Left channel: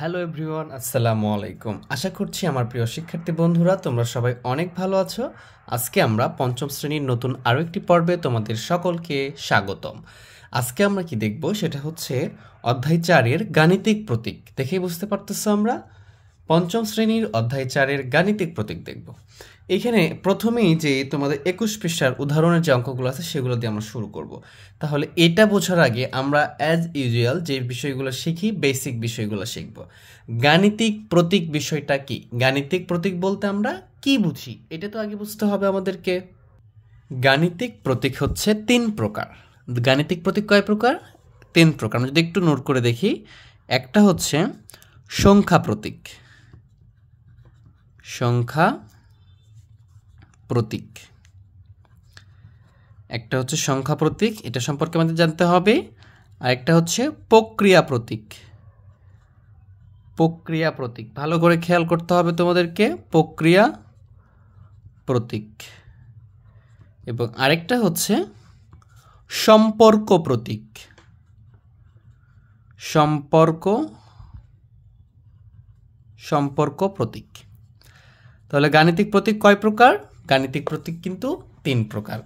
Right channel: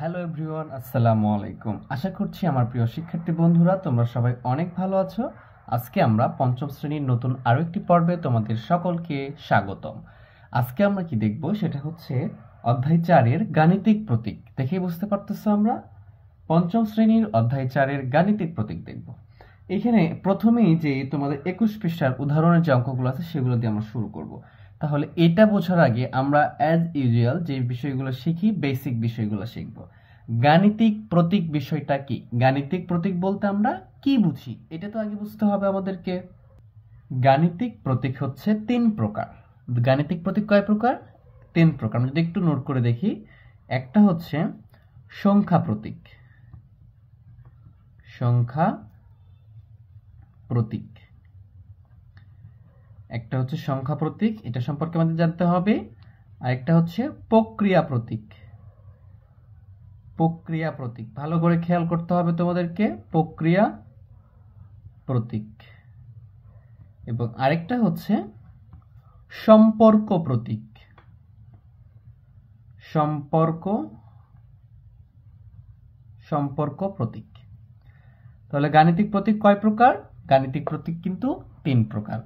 Hello everyone, আসসালামু আলাইকুম। আশা করছি আমার প্রিয় শিক্ষার্থী বন্ধুরা তোমরা সবাই অনেক ভালো আছো। আজকে আমরা পঞ্চম শ্রেণীর নতুন আরও একটি পর্বে তোমাদের সকলকে স্বাগতম। আজকে আমরা কি দেখব সেটা হচ্ছে অধ্যায় 4-এর গাণিতিক প্রতীক। দেখেই বুঝতে পারতেছো আমরা পঞ্চম শ্রেণীর অধ্যায় 4-এর গাণিতিক প্রতীক দেখব। এখানে প্রথমেই যে তোমাদের 21 পৃষ্ঠার উদাহরণের যে অঙ্কগুলো আছে সেগুলো দিয়ে আমরা শুরু করব। তাহলে এটা বোঝার আগে আমরা অ্যাজ ইউজুয়াল যে বিষয়গুলো শিখি, বেসিক বিষয়গুলো শিখব। গাণিতিক প্রতীক বিষয়টা কি? গাণিতিক প্রতীক বলতে আমরা কি বুঝি এটা তো আগে বুঝতে হবে আমাদেরকে। গাণিতিক প্রতীক হচ্ছে 3 প্রকার। গাণিতিক প্রতীক কয় প্রকার? 3 প্রকার। আমরা যদি একটু নোট করে দেখি, একটা হচ্ছে সংখ্যা প্রতীক। সংখ্যা প্রতীক, একটা হচ্ছে সংখ্যা প্রতীক, এটা সম্পর্কে আমাদের জানতে হবে। আর একটা হচ্ছে প্রক্রিয়া প্রতীক। প্রক্রিয়া প্রতীক ভালো করে খেয়াল করতে হবে তোমাদেরকে, প্রক্রিয়া প্রতীক। এবং আরেকটা হচ্ছে সম্পর্ক প্রতীক। সম্পর্ক প্রতীক। তাহলে গাণিতিক প্রতীক কয় প্রকার? গাণিতিক প্রতীক কিন্তু 3 প্রকার।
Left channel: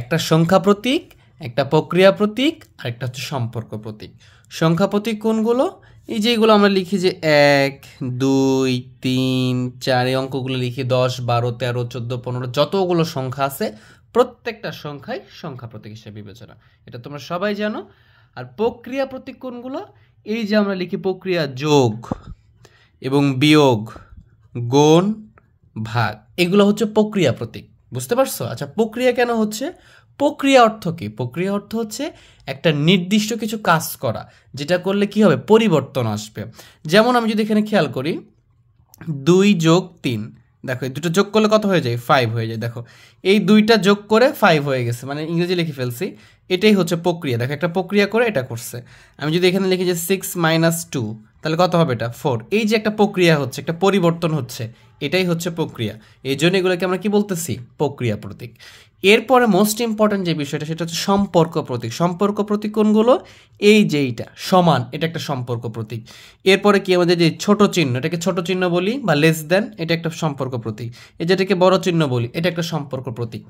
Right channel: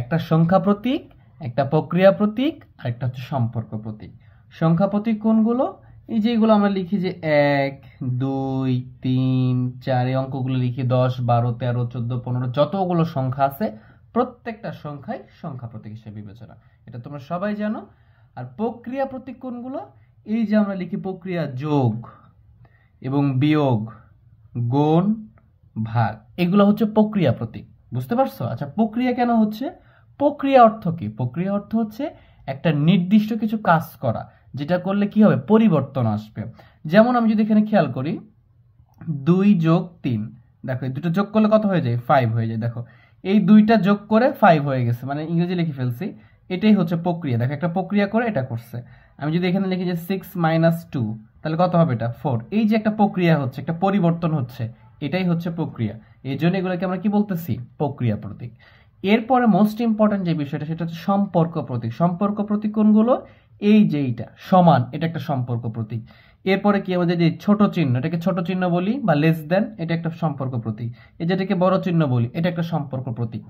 একটা সংখ্যা প্রতীক, একটা প্রক্রিয়া প্রতীক, আর একটা হচ্ছে সম্পর্ক প্রতীক। সংখ্যা প্রতীক কোনগুলো? এই যেগুলো আমরা লিখি যে 1, 2, 3, 4 এই অঙ্কগুলো লিখি, 10, 12, 13, 14, 15 যতগুলো সংখ্যা আছে প্রত্যেকটা সংখ্যাই সংখ্যা প্রতীক হিসেবে বিবেচনা। এটা তোমরা সবাই জানো। আর প্রক্রিয়া প্রতীক কোনগুলো? এই যে আমরা লিখি প্রক্রিয়া যোগ এবং বিয়োগ, গুণ, ভাগ, এগুলো হচ্ছে প্রক্রিয়া প্রতীক। বুঝতে পারছো? আচ্ছা, প্রক্রিয়া কেন হচ্ছে? প্রক্রিয়া অর্থ কি? প্রক্রিয়া অর্থ হচ্ছে একটা নির্দিষ্ট কিছু কাজ করা, যেটা করলে কি হবে? পরিবর্তন আসবে। যেমন আমি যদি এখানে খেয়াল করি 2 যোগ 3, দেখো এই দুটো যোগ করলে কত হয়ে যায়? 5 হয়ে যায়। দেখো এই দুইটা যোগ করে 5 হয়ে গেছে, মানে ইংরেজি লিখে ফেলছি। এটাই হচ্ছে প্রক্রিয়া। দেখো একটা প্রক্রিয়া করে এটা করছে। আমি যদি এখানে লিখি যে 6 - 2, তাহলে কত হবে? এটা 4। এই যে একটা প্রক্রিয়া হচ্ছে, একটা পরিবর্তন হচ্ছে, এটাই হচ্ছে প্রক্রিয়া। এই জন্য এগুলোকে আমরা কি বলতেছি? প্রক্রিয়া প্রতীক। এরপরে মোস্ট ইম্পর্টেন্ট যে বিষয়টা সেটা হচ্ছে সম্পর্ক প্রতীক। সম্পর্ক প্রতীক কোনগুলো? এই যে এইটা সমান, এটা একটা সম্পর্ক প্রতীক। এরপরে কি আমাদের যে ছোট চিহ্ন, এটাকে ছোট চিহ্ন বলি বা লেস দেন, এটা একটা সম্পর্ক প্রতীক। এই যেটাকে বড় চিহ্ন বলি, এটা একটা সম্পর্ক প্রতীক।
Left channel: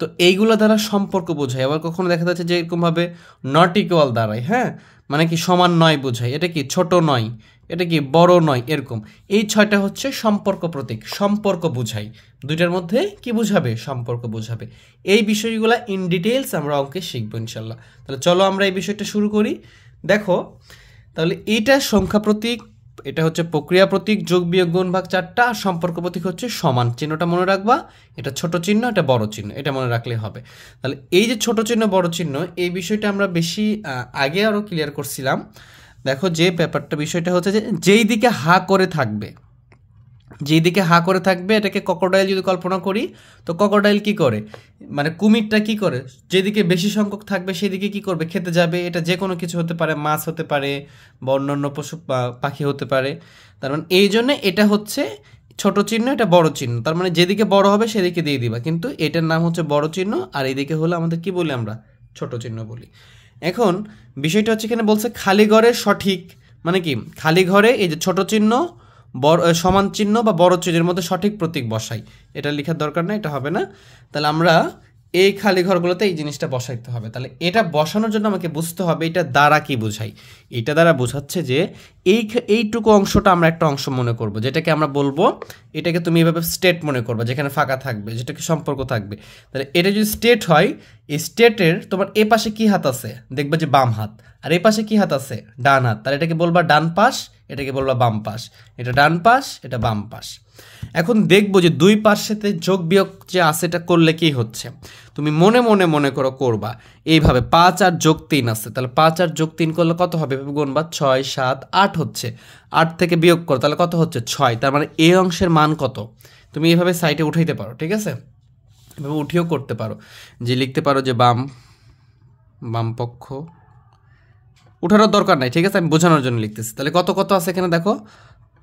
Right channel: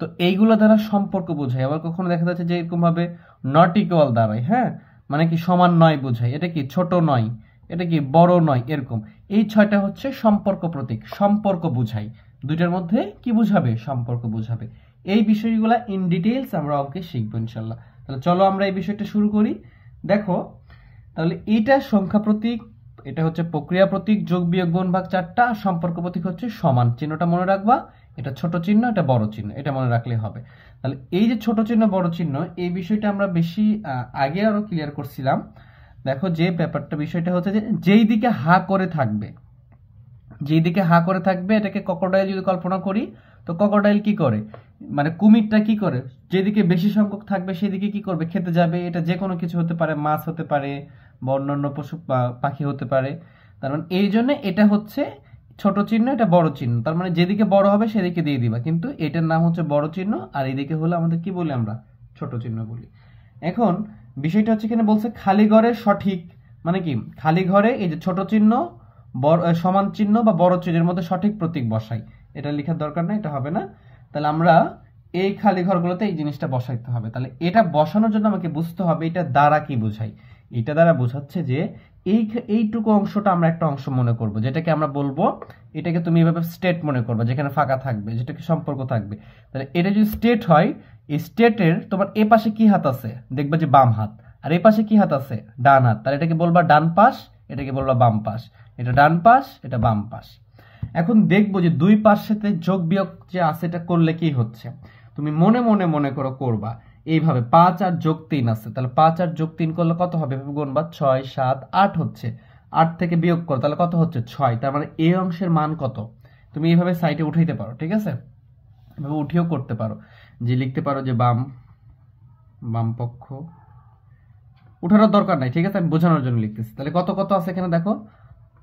তো এইগুলো দ্বারা সম্পর্ক বোঝায়। আবার কখনো দেখা যাচ্ছে যে এরকমভাবে নট ইকুয়াল দাঁড়ায়, হ্যাঁ, মানে কি সমান নয় বোঝায়। এটা কি ছোট নয়, এটা কি বড় নয়, এরকম। এই 6টা হচ্ছে সম্পর্ক প্রতীক, সম্পর্ক বোঝায়। দুইটার মধ্যে কি বোঝাবে? সম্পর্ক বোঝাবে। এই বিষয়গুলো ইন ডিটেইলস আমরা অঙ্কে শিখবো ইনশাল্লাহ। তাহলে চলো আমরা এই বিষয়টা শুরু করি। দেখো তাহলে এইটা সংখ্যা প্রতীক, এটা হচ্ছে প্রক্রিয়া প্রতীক, যোগ বিয়োগ গুণ ভাগ 4টা, আর সম্পর্ক প্রতীক হচ্ছে সমান। চিহ্নটা মনে রাখবা, এটা ছোট চিহ্ন, এটা বড় চিহ্ন, এটা মনে রাখলে হবে। তাহলে এই যে ছোট চিহ্ন বড় চিহ্ন, এই বিষয়টা আমরা বেশি আগে আরও ক্লিয়ার করছিলাম। দেখো যে ব্যাপারটা, বিষয়টা হচ্ছে যে যেই দিকে হা করে থাকবে, যেই দিকে হা করে থাকবে, এটাকে ক্রোকোডাইল যদি কল্পনা করি, তো ক্রোকোডাইল কি করে? মানে কুমিরটা কি করে? যেদিকে বেশি সংখ্যক থাকবে সেদিকে কি করবে? খেতে যাবে। এটা যে কোনো কিছু হতে পারে, মাছ হতে পারে বা অন্যান্য পশু পাখি হতে পারে। তার মানে এই জন্য এটা হচ্ছে ছোট চিহ্ন, এটা বড় চিহ্ন। তার মানে যেদিকে বড় হবে সেদিকে দিয়ে দিবা, কিন্তু এটার নাম হচ্ছে বড় চিহ্ন, আর এইদিকে হলে আমাদের কি বলি? আমরা ছোট চিহ্ন বলি। এখন বিষয়টা হচ্ছে এখানে বলছে খালি ঘরের সঠিক, মানে কি খালি ঘরে এই যে ছোট চিহ্ন, বড় সমান চিহ্ন বা বড় চিহ্নের মধ্যে সঠিক প্রতীক বসাই। এটা লেখার দরকার নেই, এটা হবে না। তাহলে আমরা এই খালি ঘরগুলোতে এই জিনিসটা বসাইতে হবে। তাহলে এটা বসানোর জন্য আমাকে বুঝতে হবে এটা দ্বারা কি বোঝাই। এটা দ্বারা বোঝাচ্ছে যে এইটুকু অংশটা আমরা একটা অংশ মনে করব, যেটাকে আমরা বলবো, এটাকে তুমি এভাবে স্টেট মনে করবে, যেখানে ফাঁকা থাকবে, যেটাকে সম্পর্ক থাকবে। তাহলে এটা যদি স্টেট হয়, এই স্টেটের তোমার এ পাশে কি হাত আছে? দেখবে যে বাম হাত। আর এ পাশে কি হাত আছে? ডান হাত। তাহলে এটাকে বলবা ডান পাশ, এটাকে বলবা বাম পাশ। এটা ডান পাশ, এটা বাম পাশ। এখন দেখবো যে দুই পাশেতে যোগ বিয়োগ যে আছে, এটা করলে কি হচ্ছে? তুমি মনে মনে মনে করো, করবা এইভাবে 5 আর যোগ 3 আছে, তাহলে 5 আর যোগ 3 করলে কত হবে? গুনবা 6, 7, 8 হচ্ছে। 8 থেকে বিয়োগ করো, তাহলে কত হচ্ছে? 6। তার মানে এই অংশের মান কত? তুমি এইভাবে সাইডে উঠাইতে পারো, ঠিক আছে? এভাবে উঠিয়েও করতে পারো, যে লিখতে পারো যে বাম পক্ষ, উঠানোর দরকার নাই, ঠিক আছে? আমি বোঝানোর জন্য লিখতেছি। তাহলে কত কত আছে এখানে দেখো,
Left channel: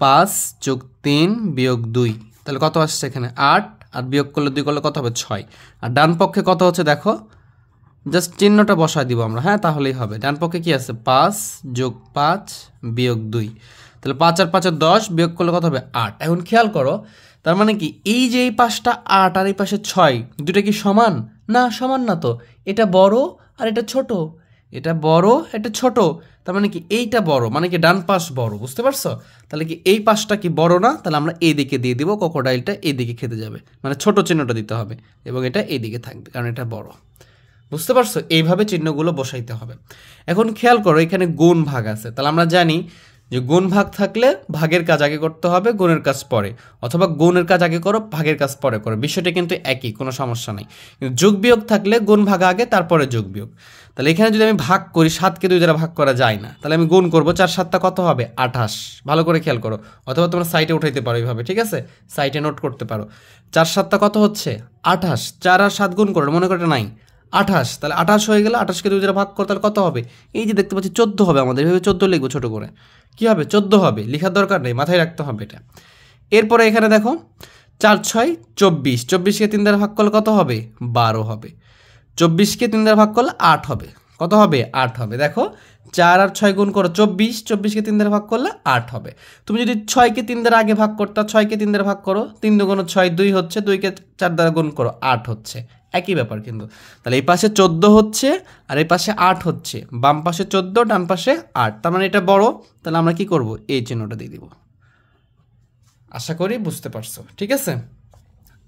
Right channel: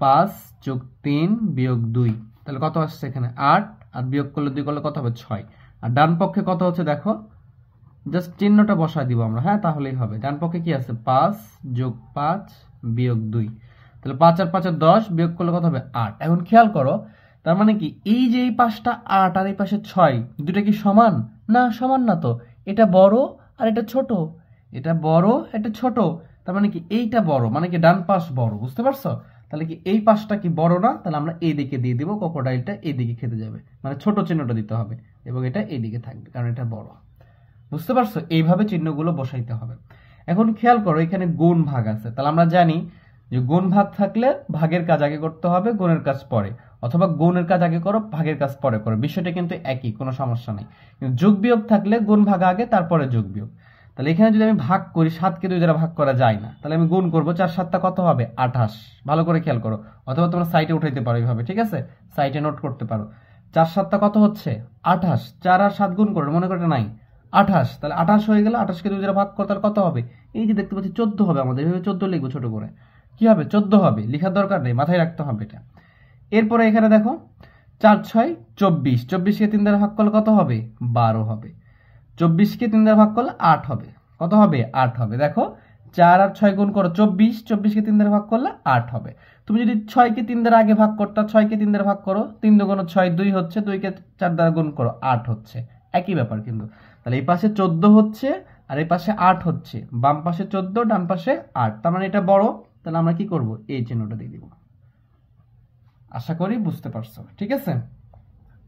5 যোগ 3 বিয়োগ 2, তাহলে কত আসছে এখানে? 8, আর বিয়োগ করলে 2 করলে কত হবে? 6। আর ডান পক্ষে কত হচ্ছে দেখো, জাস্ট চিহ্নটা বসায় দিব আমরা, হ্যাঁ, তাহলেই হবে। ডান পক্ষে কি আছে? 5 যোগ 5 বিয়োগ 2, তাহলে 5 আর 5 10 বিয়োগ করলে কত হবে 8। এখন খেয়াল করো, তার মানে কি এই যে এই পাশটা 8 আর এই পাশে 6 দুটো কি সমান? না, সমান না তো। এটা বড় আর এটা ছোট, এটা বড় এটা ছোট, তার মানে কি এইটা বড়, মানে কি ডান পাশ বড়, বুঝতে পারছো? তাহলে কি এই পাশটা কি বড় না? তাহলে আমরা এই দিকে দিয়ে দিব, ক্রোকোডাইলটা এই দিকে খেতে যাবে, মানে ছোট চিহ্নটা দিতে হবে এবং এটা এই দিকে থাকবে কারণ এটা বড়, বুঝতে পারছো? এইভাবে চিহ্নগুলো বসাইতে হবে। এখন খেয়াল করো এখানে গুণ ভাগ আছে, তাহলে আমরা জানি যে গুণ ভাগ থাকলে ভাগের কাজ আগে করতে হবে, গুণের কাজ পরে, অথবা গুণের কাজ আগে করো ভাগের কাজ পরে করো, বিষয়টা কিন্তু একই, কোনো সমস্যা নেই। কিন্তু যোগ বিয়োগ থাকলে গুণ ভাগ আগে তারপরে যোগ বিয়োগ। তাহলে এখানে যদি আমি ভাগ করি 7কে 2 দ্বারা ভাগ করা যায় না, তাহলে আমি গুণ করবো, 4 7টা কত হবে 28, ভালো করে খেয়াল করো, অথবা তোমরা সাইটে উঠাইতে পারো এইভাবে, ঠিক আছে? সাইটে নোট করতে পারো 4 7টা কত হচ্ছে 28, 4 আর 7 গুণ করো, মনে করো নাই 28, তাহলে 28 হয়ে গেলে 28কে 2 দ্বারা ভাগ করো, তাহলে কত হবে? এই যে দেখতে পাচ্ছি 14 হবে, আমাদের এভাবে 14 লিখবো ছোট করে, কি হবে 14 হবে, লেখার দরকার নেই, মাথায় রাখতে হবে এটা। এরপরে এখানে দেখো 4 6 24, 24কে 3 দ্বারা ভাগ করলে কত হবে 12 হবে, 24কে 3 দ্বারা ভাগ করলে 8 হবে, কত হবে 8 হবে। দেখো 4 আর 6 গুণ করো 24, 24কে 3 দ্বারা ভাগ করলে 8 হবে। তুমি যদি 6কে 3 দ্বারা আগে ভাগ করতা, 6কে 3 দ্বারা ভাগ করো, 3 2 6 2 হচ্ছে, 2কে 4 দ্বারা গুণ করো 8 হচ্ছে, একই ব্যাপার কিন্তু। তাহলে এই পাশে 14 হচ্ছে আর এই পাশে 8 হচ্ছে, বাম পাশে 14 ডান পাশে 8, তার মানে এটা বড়, তাহলে আমরা কি করব এই চিহ্নটা দিয়ে দিব। আশা করি বুঝতে পারছো, ঠিক আছে?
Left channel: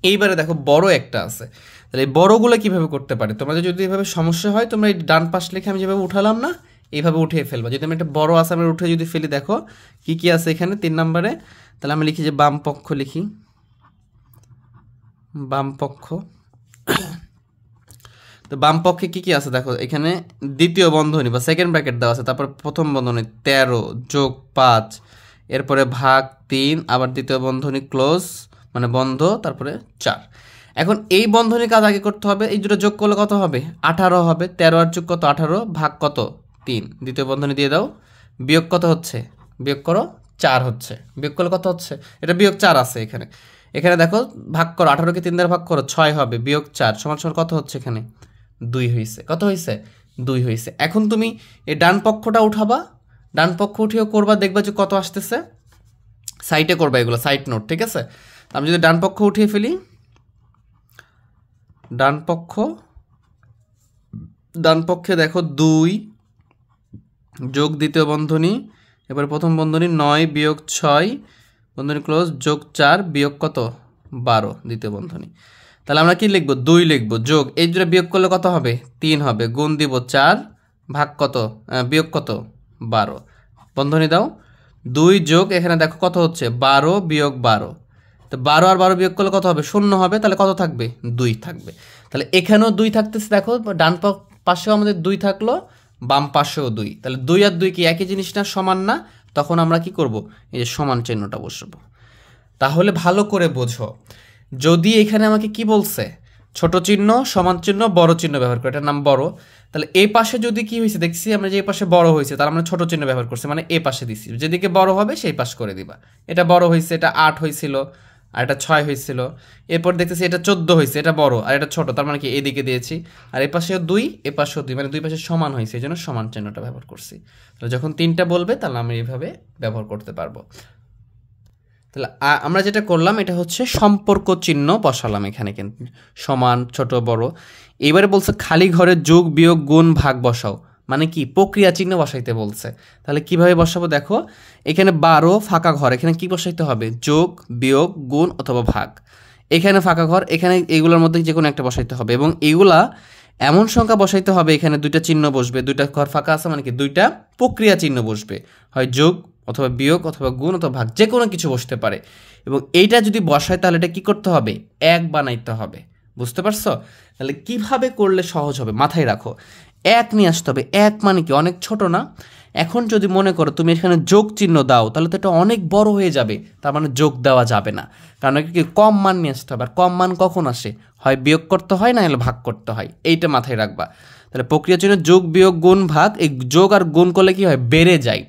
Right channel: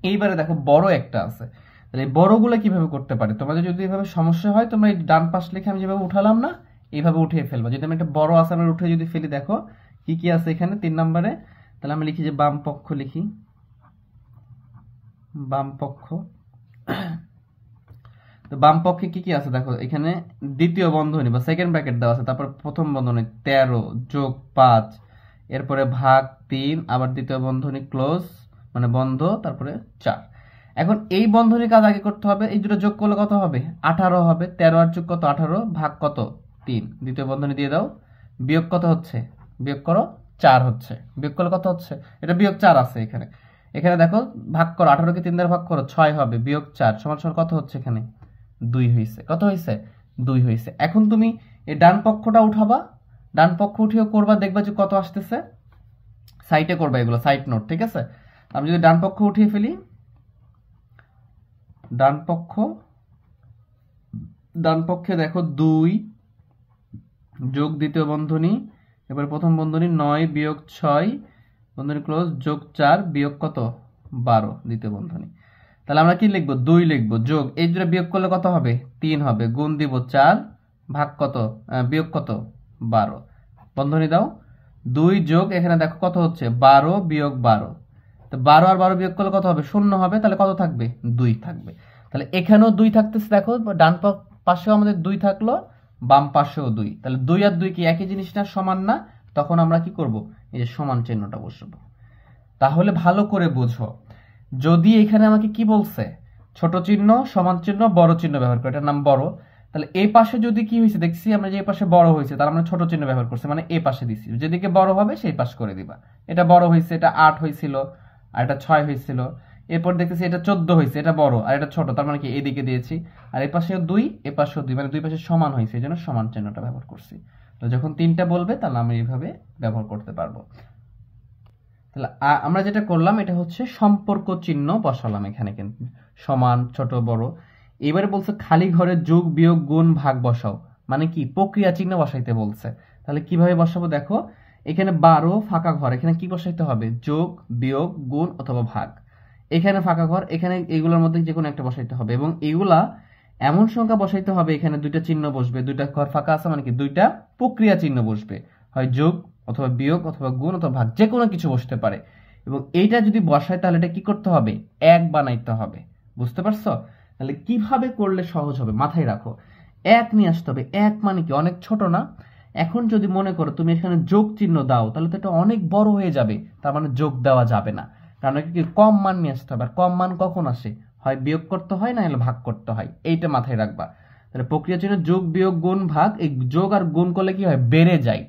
এইবারে দেখো বড় একটা আছে, তাহলে এই বড়গুলো কিভাবে করতে পারে? তোমাদের যদি এভাবে সমস্যা হয় তোমরা এই ডান পাশ লিখে আমি যেভাবে উঠালাম না, এইভাবে উঠিয়ে ফেলবা। যদি আমি একটা বড় আছে আমি উঠে যদি ফেলি, দেখো কি কি আছে এখানে 3 নম্বরে, তাহলে আমি লিখি যে বাম পক্ষ, লিখি বাম পক্ষ। তো বাম পক্ষে কি কি আছে দেখো, এখানে দ্বিতীয় বন্ধনী বা সেকেন্ড ব্র্যাকেট দেওয়া আছে, তারপর প্রথম বন্ধনী 13 যোগ 5, এরপরে ভাগ 3, আবার দ্বিতীয় বন্ধনী ক্লোজ মানে বন্ধ, তারপরে 4। এখন এই বন্ধনী কাজ আগে করতে হবে, এই দুটো যোগ করলে কত হবে 18 হবে, 13 আর যোগ কত 18, ভাগ কত 3, দ্বিতীয় বন্ধনী দিয়ে দাও, বিয়োগ কত হচ্ছে, বিয়োগ করো 4 হচ্ছে, বিয়োগ করলে কত হচ্ছে, এটা বিয়োগ 4 আছে এখানে। এখানে দেখো ভাগ করো, 18কে 3 দ্বারা ভাগ করো 6 হবে, বিয়োগ 4 সমান সমান কত হচ্ছে এখানে 2 হয়েছে, কত হয়েছে 2 হয়েছে। এখন তুমি এই ডান পক্ষটা উঠাবা, ডান পক্ষ উঠিয়েও করবা, দেখবা যে কত আসতেছে, সাইটে করবা এগুলো, সাইট নোট, ঠিক আছে? আমি যদি ডান পক্ষ উঠিয়ে ফেলি, ডান পক্ষে দেখো 2 যোগ দ্বিতীয় বন্ধনী, এবার প্রথম বন্ধনী 9 বিয়োগ 6 বন্ধনী ক্লোজ, যোগ 4 বিয়োগ কত 12 দ্বিতীয় বন্ধনী। তাহলে আমরা কি লিখবো 2 লিখবো, যোগ এই দুটো বিয়োগ করলে কত হবে 3 হবে, গুণ দিব 4, ভাগ কত বিয়োগ কত 12, বন্ধনী দাও 2 যোগ এখানে দেখো কত হচ্ছে 12 বিয়োগ 12, তো 12 আর 12 বিয়োগ করলে কত হবে 0 হবে, তাহলে কত থাকবে 2 থাকবে। তাহলে এখানেও 2 থাকতেছে, দেখো ডান পাশেও আমাদের 2 থাকলো, বাম পাশেও 2, তাহলে 2 আর 2 কি একই জিনিস না, সমান না? তখন আমরা কি করব এই যে সমান চিহ্নটা বসাবো। তাহলে ভালো করে বোঝো, যদি এখানে আমাকে কি বলছে ছোট চিহ্ন সমান চিহ্ন বড় চিহ্ন ব্যবহার করে, এটার নাম বড়, তাহলে এই পাশে যদি কি হয়েছে দেখছি আমরা যে এই পাশে বড় হয়েছে, তার আমরা ছোট চিহ্ন ব্যবহার করছি, মানে এই পাশে দিছি, যেদিকে বড় হবে সেই পাশ করে দিবা। এটা বড় হয়েছে, এটা 8 হয়েছিল আর এটা 6 হয়েছিল, এরপর দেখতেছি এটা 14 হয়েছে, এটা বড় আর এটা ছোট, তার মানে কি এদিকে দিয়েছি, আর এই পাশেও 2 এই পাশেও 2, মানে দুই পাশে সমান হয়েছে, এই জন্য সমান চিহ্নটা ব্যবহার করছি। তো যখন 3টা বলবে তাহলে আমি এইভাবে ব্যবহার করতে পারবো। তাহলে আমরা যেটা করলাম এটা হচ্ছে সম্পর্ক চিহ্ন বসালাম এখানে, কিন্তু সমান ছোট বড়। এবারে বলছে খালি ঘরে যোগ বিয়োগ গুণ ভাগ বসাও, মানে কি প্রক্রিয়া চিহ্ন বসাইতে বলছে। তাহলে কিভাবে বসাবো দেখো, এখানে 12 ফাঁকা ঘর, এখানে কি বসাইতে হবে যোগ বিয়োগ গুণ অথবা ভাগ, এখানে ফাঁকা ঘর, এখানে এইগুলোর মধ্যে যে কোনো একটা বসাইতে হবে, এবং এইগুলা এমন সংখ্যা বসাইতে হবে এখানে 2টা চিহ্ন বসবে, 2টা ঘর ফাঁকা আছে মানে কি 2টা প্রক্রিয়া চিহ্ন বসবে, হয় যোগ অথবা বিয়োগ অথবা গুণ অথবা ভাগ, যে কোনো কিছু বসতে পারে। এবং এইটা যদি বসায় তাহলে এটা কি করতে হবে 1 বানাইতে হবে, বুঝতে পারছো? তাহলে কিভাবে করলে সহজ হবে মাথায় রাখো, 1 নিয়ে আসতে হবে। 1 মানে কি অনেক ছোট না? এখন যদি মনে করো তুমি এখানে যোগ চিহ্ন দাও তাহলে তো এটা অনেক বড় হয়ে যাবে, তার মানে যোগ দেওয়া যাবে না, কারণ কি কম মান নিয়ে আসতে হবে। আর কম মান কখন আসে, হয় বিয়োগ করতে হয় না হলে ভাগ করতে হয়, এইটা মাথায় রাখবা। তাহলে প্রক্রিয়া চিহ্ন যোগ বিয়োগ গুণ ভাগ, এই যোগ আর গুণ করলে কি হয় বেড়ে যায়,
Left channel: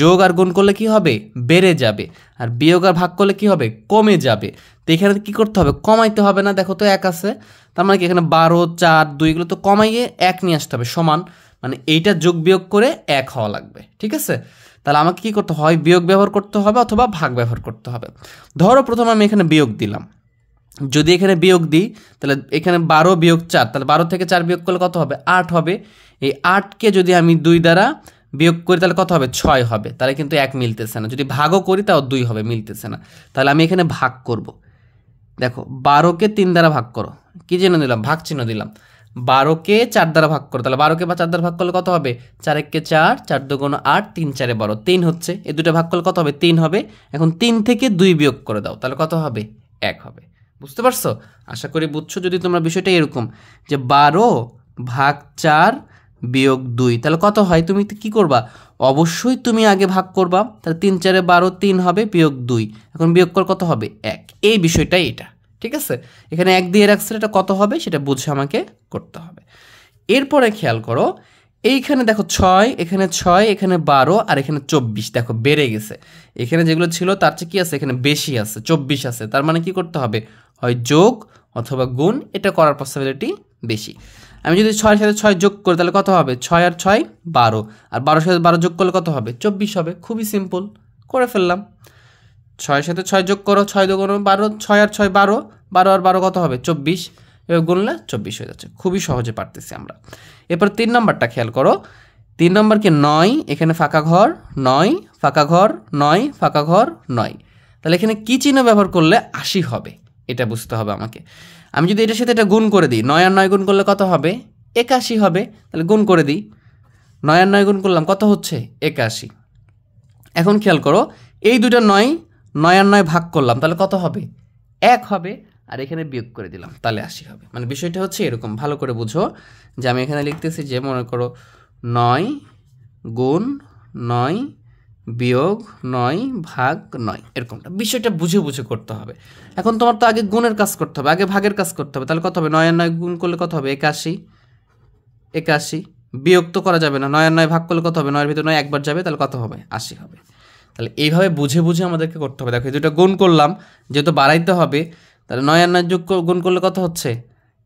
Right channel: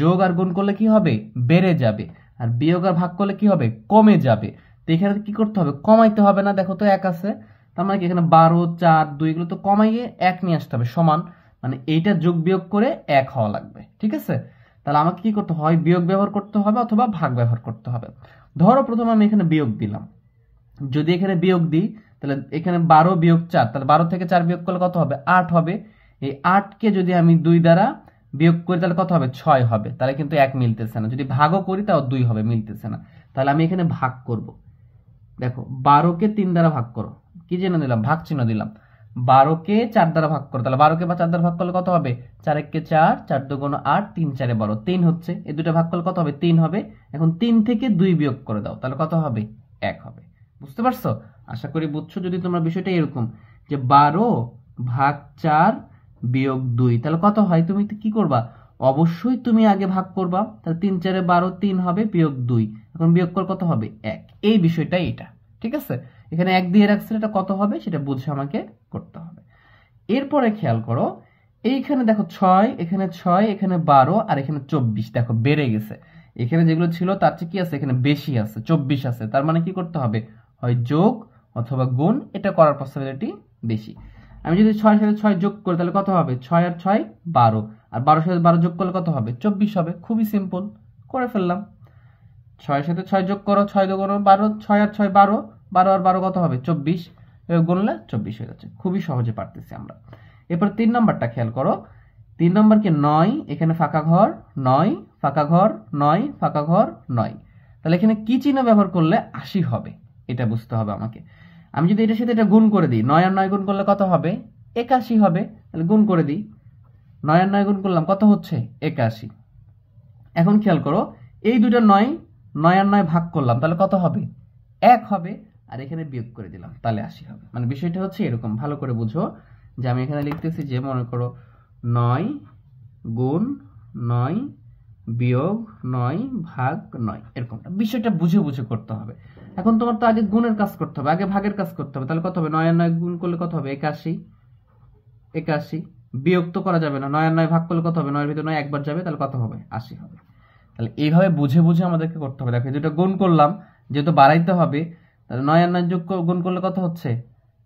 যোগ আর গুণ করলে কি হবে বেড়ে যাবে, আর বিয়োগ আর ভাগ করলে কি হবে কমে যাবে। তো এখানে কি করতে হবে কমাইতে হবে না, দেখো তো 1 আছে, তার মানে কি এখানে 12 4 2 এগুলো তো কমাইয়ে 1 নিয়ে আসতে হবে সমান, মানে এইটা যোগ বিয়োগ করে 1 হওয়া লাগবে, ঠিক আছে? তাহলে আমাকে কি করতে হয়, বিয়োগ ব্যবহার করতে হবে অথবা ভাগ ব্যবহার করতে হবে। ধরো প্রথমে আমি এখানে বিয়োগ দিলাম, যদি এখানে বিয়োগ দিই তাহলে এখানে 12 বিয়োগ 4, তাহলে 12 থেকে 4 বিয়োগ করলে কত হবে, 8 হবে। এই 8কে যদি আমি 2 দ্বারা বিয়োগ করি তাহলে কত হবে, 6 হবে। তাহলে কিন্তু 1 মিলতেছে না। যদি ভাগও করি তাও 2 হবে, মিলতেছে না। তাহলে আমি এখানে ভাগ করব। দেখো 12কে 3 দ্বারা ভাগ করো, কি চিহ্ন দিলাম, ভাগ চিহ্ন দিলাম। 12কে 4 দ্বারা ভাগ করো, তাহলে 12কে 4 দ্বারা ভাগ করলে কত হবে, 4 1 4, 4 2 8, 3 4 12, 3 হচ্ছে। এই দুটো ভাগ করলে কত হবে, 3 হবে। এখন 3 থেকে 2 বিয়োগ করে দাও, তাহলে কত হবে, 1 হবে। বুঝতে পারছো? আশা করি বুঝছো। যদি তোমরা বিষয়টা এরকম যে 12 ভাগ 4 বিয়োগ 2, তাহলে কত হয়, তুমি কি করবা, অবশ্যই তুমি আগে ভাগ করবা। তাহলে 3 4 12, 3 হবে বিয়োগ 2, এখন বিয়োগ কর কত হবে, 1। এই বিষয়টাই এটা, ঠিক আছে। এখানে 1 দিয়ে রাখছে, এটা কত হবে সেটা বুঝে আমাকে করতে হবে। এরপরে খেয়াল করো, এইখানে দেখো 6, এখানে 6, এখানে 12 আর এখানে 24, দেখো বেড়ে গেছে। এখানে যেগুলো ছিল তার চেয়ে কি আছে, এখানে বেশি আছে, 24 আছে। তার মানে কি করতে হবে, হয় যোগ অথবা গুণ, এটা করার পসিবিলিটি বেশি। আমি যদি 6 এর সাথে 6 যোগ করি তাহলে কত হবে, 6 আর 6 12, আর 12 সাথে 12 যোগ করলে কত হবে, 24 হবে। খুবই সিম্পল, করে ফেললাম। 6 এর সাথে 6 যোগ করো, 6 যোগ করো 12, 6 আর 6 12, 12 আর 12 কত হবে, 24, এবার গুনলে 24 হয়ে যাচ্ছে। খুবই সহজে পারতেছি আমরা। এরপর 3 নম্বরটা খেয়াল করো, 3 নম্বরকে 9, এখানে ফাঁকা ঘর 9, ফাঁকা ঘর 9, ফাঁকা ঘর 9। তাহলে এখানে কি চিহ্ন ব্যবহার করলে 80 হবে, এটা বুঝতে হবে আমাকে। আমি যদি এটার সাথে এটা গুণ করে দিই, 9 আর 9 গুণ করলে কত হবে, 81 হবে। তাহলে গুণ করে দিই, 9 আর 9 গুণ করলাম, কত হচ্ছে, 81। এখন খেয়াল করো, এই দুটো 9, 9 আর 9 ভাগ করলাম, তাহলে কত হবে, 1 হবে। আর এখানে বিয়োগ করে দিলাম, তাহলে 80 হবে। মানে বিষয়টা হচ্ছে এরকম, ভালো করে বুঝো যে আমি এখানে লিখতেছি যে, মনে করো 9 গুণ 9 বিয়োগ 9 ভাগ 9, এরকমটা বিষয়টা বুঝে বুঝে করতে হবে। এখন তোমার তো আগে গুণের কাজ করতে হবে, আগে ভাগের কাজ করতে হবে। তাহলে কত হবে, 9 আর 9 গুণ করলে কত হবে, 81, 81। বিয়োগ তো করা যাবে না, 9 আর 9 ভাগ করলে কত হবে, 9 এর ভিতরে 9 একবার যাবে, তাহলে কত হবে, 80 হবে। তাহলে এইভাবে বুঝে বুঝে আমাদেরকে করতে হবে। দেখো এই দুটো গুণ করলাম, যেহেতু বাড়াইতে হবে, তাহলে 9 আর 9 যোগ গুণ করলে কত হচ্ছে,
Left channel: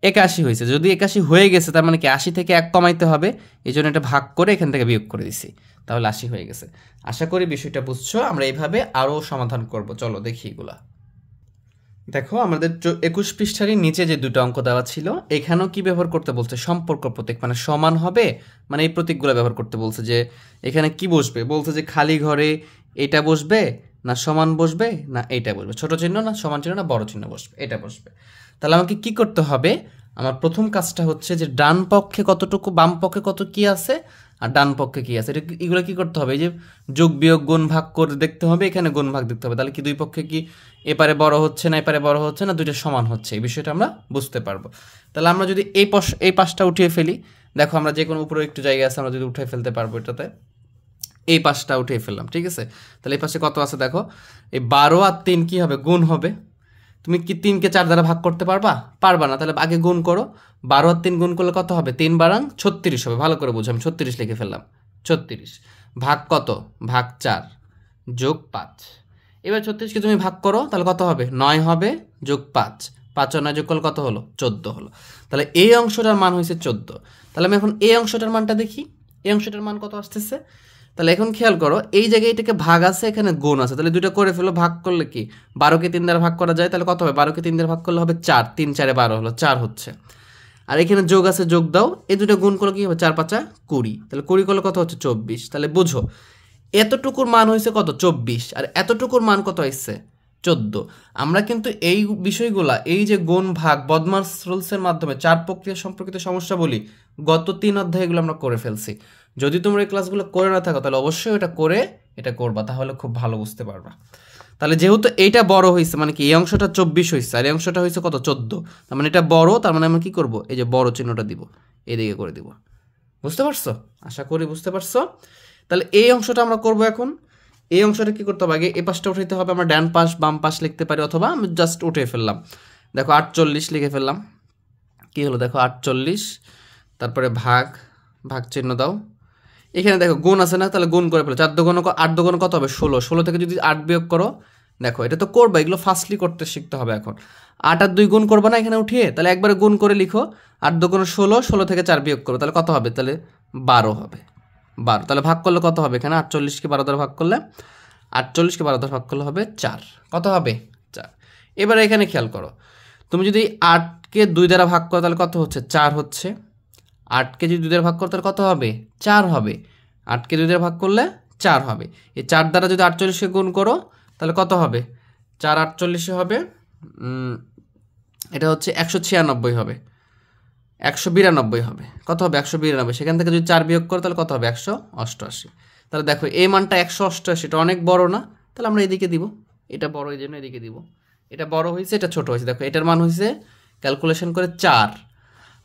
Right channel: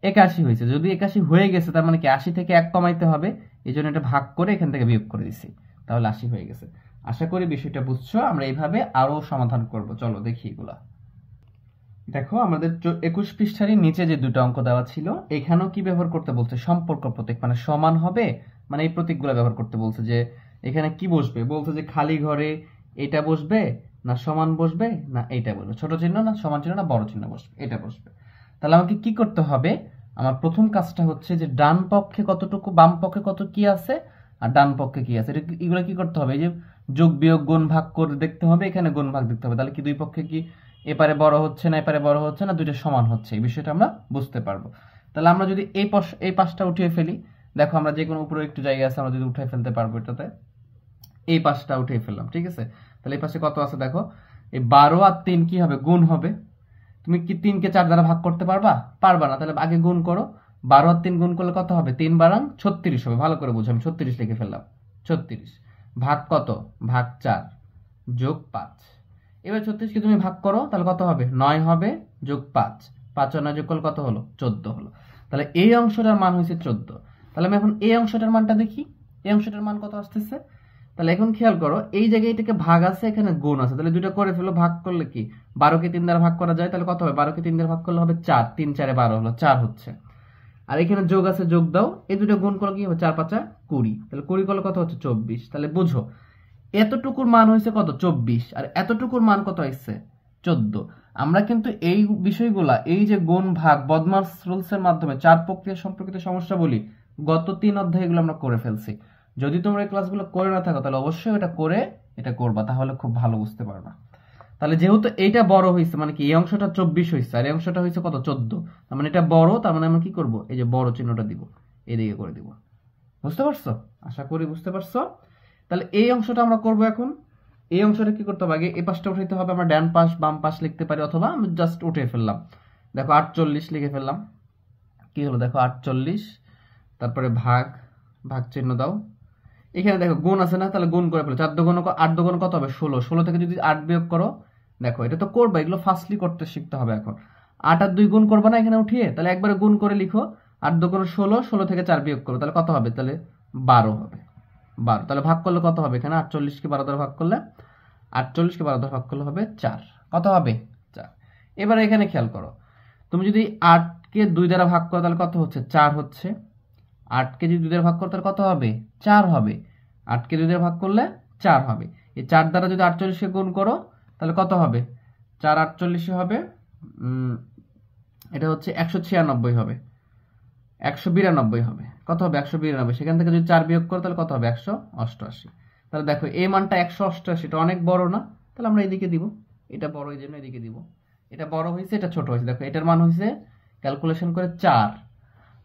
81 হয়েছে। যদি 81 হয়ে গেছে তার মানে কি 80 থেকে 1 কমাইতে হবে, এই জন্য এটা ভাগ করে এখান থেকে বিয়োগ করে দিছি, তাহলে 80 হয়ে গেছে। আশা করি বিষয়টা বুঝছো। আমরা এইভাবে আরও সমাধান করব, চলো দেখি এগুলা। দেখো আমাদের 21 পৃষ্ঠারই নিচে যে দুটো অঙ্ক দেওয়া ছিল, এখানেও কি ব্যবহার করতে বলছে, সম্পর্ক প্রতীক, মানে সমান হবে, মানে এই প্রতীকগুলো ব্যবহার করতে বলছে। যে এখানে কি বসবে, বলছে যে খালি ঘরে এটা বসবে না সমান বসবে না এইটা বসবে, ছোট চিহ্ন না সমান চিহ্ন না বড় চিহ্ন বসবে, এটা বসবে। তাহলে আমাকে কি করতে হবে, আমার প্রথম কাজটা হচ্ছে যে ডান পক্ষে কতটুকু, বাম পক্ষে কত কি আছে আর ডান পক্ষে কি আছে, এগুলো কি করতে হবে, এই যে যোগ বিয়োগ গুণ ভাগ করে দেখতে হবে, এখানে গুণ ভাগ দেখতে হবে। তাহলে কি দুই পক্ষে কি এপারে বড় হচ্ছে না এপারে বড় হচ্ছে না, দুইটা সমান হচ্ছে, এই বিষয়টা আমরা বুঝতে পারবো। তাহলে আমরা যদি এই পাশটা উঠিয়ে ফেলি, দেখো আমরা যে কোনো উপরে একটু জায়গা আছে, আমরা যদি উঠে ফেলতে পারবো এটাতে, এই পাশটা উঠিয়ে ফেললাম, ঠিক আছে। তাহলে এই পাশে কত আছে দেখো, এই 12 আর 3 কি হবে, গুণ হবে। তুমি কি 3কে 4 দ্বারা ভাগ করতে পারবা, পারবা না। তাহলে আগে গুণ করো, 12 আর 3 গুণ করলে কত হবে, 3 12 36 হবে। ভালো করে বুঝো, আমি 36 লিখে ফেললাম, 36 ভাগ কত, ভাগ 4 যোগ 5। এবার 36কে তুমি ভাগ করো, তাহলে কত হবে, 9 হবে যোগ 5, 5 আর 9 যোগ করলে কত হলো, 14 হলো। তাহলে এই অংশটার মান হয়েছে 14। তাহলে আমি এখন এই অংশটার মানটা দেখি, এই অংশটার মান কত আসতেছে। তাহলে এখন খেয়াল করো, এই জায়গায় এটাকে ভাগ আছে, এখানে গুণ আছে, তাহলে দুটো করে ফেলো। ভাগ করলে কি 12কে 3 দ্বারা ভাগ করা যায়, তাহলে কত হবে, 12কে 3 দ্বারা ভাগ করলে হবে 4, 3 4 12 হলো, 4 হচ্ছে। আর এখানে যোগ আছে, যোগ দাও, এই দুটো গুণ করলে কি হবে, 4 5 20, তাহলে 20 করলে কত হচ্ছে, 24। তাহলে বুঝো এতটুকুর মান হয়েছে কত, 24, আর এতটুকুর মান কত আসছে, 14। আমরা কিন্তু এই বিষয়গুলা, এই যে গুণ ভাগ বদমাস রুলসের মাধ্যমে 4 প্রক্রিয়া সম্পর্কিত সমস্যা বলি, গত 3 অধ্যায়ে এগুলো আমরা করে ফেলছি। যদি তোমরা এই ক্লাসগুলো করে না থাকো তাহলে অবশ্যই এটা করে এটা করবা, তাহলে খুব ভালো বুঝতে পারবা। তাহলে যেহেতু এইটা বড় হয়েছে, মানে কি এই অংশটা 24 হয়েছে আর এই অংশটা হয়েছে কত, 14, তার মানে এটা বড়, তার মানে আমরা কি করব, এই যে বড় চিহ্নটা দিব, এদিকে করে দিব। বুঝতে পারছো? আশা করি বুঝতে পারছো। তাহলে এই অংশটা আমরা করব এখন। এই অংশটা কি করতে হবে, আগে এই পাশটা উঠাইতে হবে। আমরা ডান পাশ বাম পাশ লিখতে পারি, অথবা আমি জাস্ট উঠে ফেললাম। দেখো 48 লিখে ফেললাম, কি হলো দেখো 48, তারপরে ভাগ, ভাগ চিহ্ন দাও। এখানে দেখো গুণ আছে না, তাহলে গুণ করে ফেলো, 4 দুগুণ 8 দুগুণ কত হবে, 16, 16 থেকে যদি 8 বিয়োগ করো, দেখো এটা তো করবা, এগুলো ফার্স্টলি করতে শিখতে হবে এখন। 8 আর 2 গুণ করবা না এখানে উঠিয়ে, তাহলে একবারে গুণ করে লিখো, 8 দুগুণ 16, 16 থেকে 4 বিয়োগ করো, তাহলে কত হবে, তাহলে 12 হবে। 12। তাহলে ভাগ করলে কত হবে? এখানে 48কে 12 দ্বারা ভাগ করলে 48কে 12 দ্বারা ভাগ করলে হবে 4। কত হবে? 4। এবার এখানে খেয়াল করো, তুমি যদি 8কে 2 দ্বারা ভাগ করো তাহলে কত হচ্ছে? 4 হচ্ছে। 8কে যদি 2 দ্বারা ভাগ করো তাহলে কত হবে? 4 হবে। 8কে 2 দ্বারা ভাগ করলে 4 হবে। এই 4 দ্বারা যদি 48কে গুণ করো তাহলে কত হবে? 4 48 হবে, এটা হচ্ছে 196 হবে, 192 হবে। কত হবে? 192। সেখান থেকে যদি 4 বিয়োগ করো তাহলে কত হবে? 188। তাহলে দেখো এই মানটা 188, এটা অনেক বড় না? তাহলে আমরা এদিকে দিব, এটা বড় এই জন্য এদিকে দিব। এটা বড় হয়েছে, এটা ছোট হয়েছে। দেখো এটার মান হয়েছে ক্যালকুলেশন করে 4,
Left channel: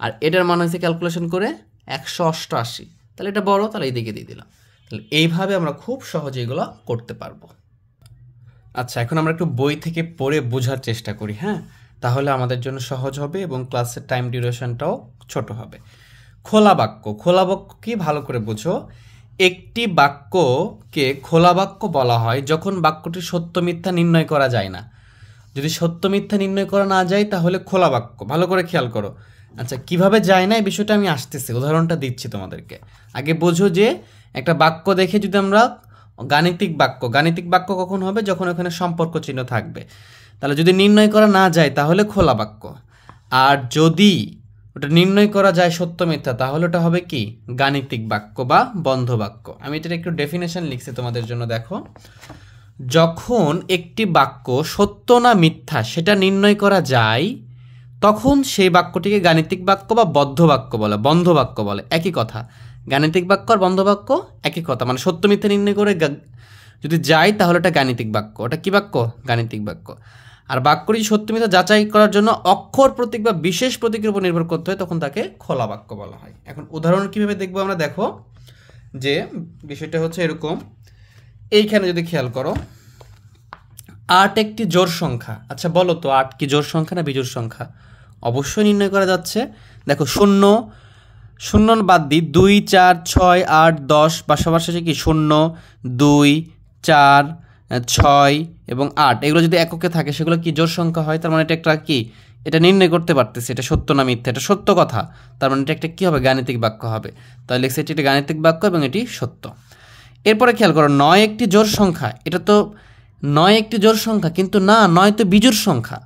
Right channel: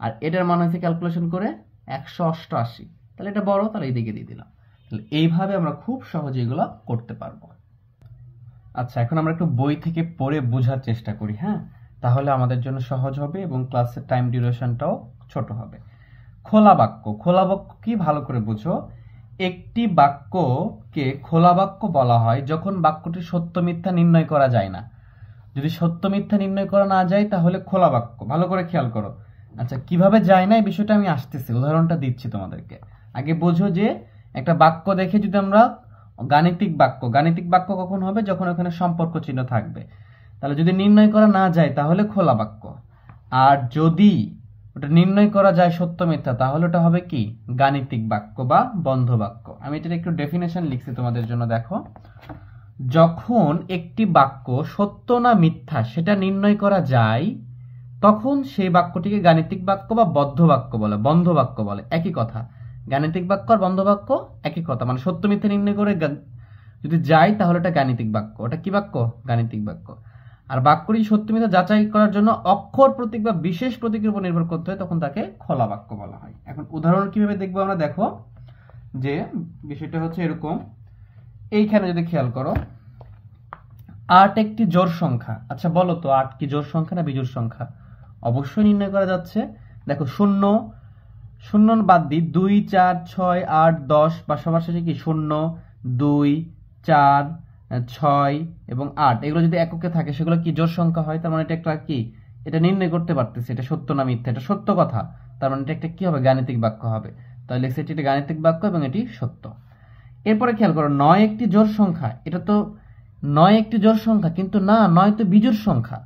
আর এটার মান হয়েছে ক্যালকুলেশন করে 188। তাহলে এটা বড়, তাহলে এইদিকে দিয়ে দিলাম। তাহলে এইভাবে আমরা খুব সহজে এগুলো করতে পারবো। আচ্ছা, এখন আমরা একটু বই থেকে পড়ে বোঝার চেষ্টা করি, হ্যাঁ? তাহলে আমাদের জন্য সহজ হবে এবং ক্লাসের টাইম ডিউরেশনটাও ছোট হবে। খোলা বাক্য, খোলা বাক্য কি ভালো করে বুঝো। একটি বাক্যকে খোলা বাক্য বলা হয় যখন বাক্যটি সত্য মিথ্যা নির্ণয় করা যায় না। যদি সত্য মিথ্যা নির্ণয় করা না যায় তাহলে খোলা বাক্য। ভালো করে খেয়াল করো। আচ্ছা, কিভাবে যায় না এই বিষয়টা আমি আসতেছি, উদাহরণটা দিচ্ছি তোমাদেরকে। আগে বোঝো যে একটা বাক্য দেখে যদি আমরা গাণিতিক বাক্য, গাণিতিক বাক্য কখন হবে? যখন ওখানে সম্পর্ক চিহ্ন থাকবে। তাহলে যদি নির্ণয় করা না যায় তাহলে খোলা বাক্য। আর যদি ওটা নির্ণয় করা যায় সত্য মিথ্যা তাহলে ওটা হবে কি? গাণিতিক বাক্য বা বন্ধ বাক্য। আমি এটার একটু ডেফিনেশন লিখছি তোমাদের জন্য, দেখো। যখন একটি বাক্য সত্য না মিথ্যা সেটা নির্ণয় করা যায় তখন সেই বাক্যটিকে গাণিতিক বাক্য বা বদ্ধ বাক্য বলে, বন্ধ বাক্য বলে। একই কথা, গাণিতিক বাক্য আর বন্ধ বাক্য একই কথা। মানে সত্য মিথ্যা নির্ণয় করে যদি যায় তাহলে ওটা গাণিতিক বাক্য। ওটা কি বাক্য? গাণিতিক বাক্য। আর বাক্যটি সত্য মিথ্যা যাচাই করার জন্য অক্ষর প্রতীক বা বিশেষ প্রতীকের উপর নির্ভর করতে হয়, তখন তাকে খোলা বাক্য বলা হয়। এখন উদাহরণ কিভাবে দেখবো আমরা? দেখো যে বিষয়টা হচ্ছে এরকম। এইখানে যদি খেয়াল করো, 8 একটি জোড় সংখ্যা। আচ্ছা বলো তো, 8 কি জোড় সংখ্যা না বিজোড় সংখ্যা? অবশ্যই নির্ণয় করা যাচ্ছে। দেখো 0 0 বাদ দিই, 2 4 6 8 10 পাশাপাশি কি 0 2 4 6 এবং 8 এগুলো যদি এককে থাকে সেগুলো কি জোড় সংখ্যা হয়। তার মানে এটা একটা কি? এটা নির্ণয় করতে পারতেছি এটা সত্য না মিথ্যা। এটা সত্য কথা, তার মানে এটা একটা কি হবে? গাণিতিক বাক্য হবে। তাহলে লিখছি এটি গাণিতিক বাক্য এবং এটি সত্য। এরপরে খেয়াল করো, 9 একটি জোড় সংখ্যা। এটা তো 9 একটি জোড় সংখ্যা, কিন্তু না, 9 তো বিজোড় সংখ্যা।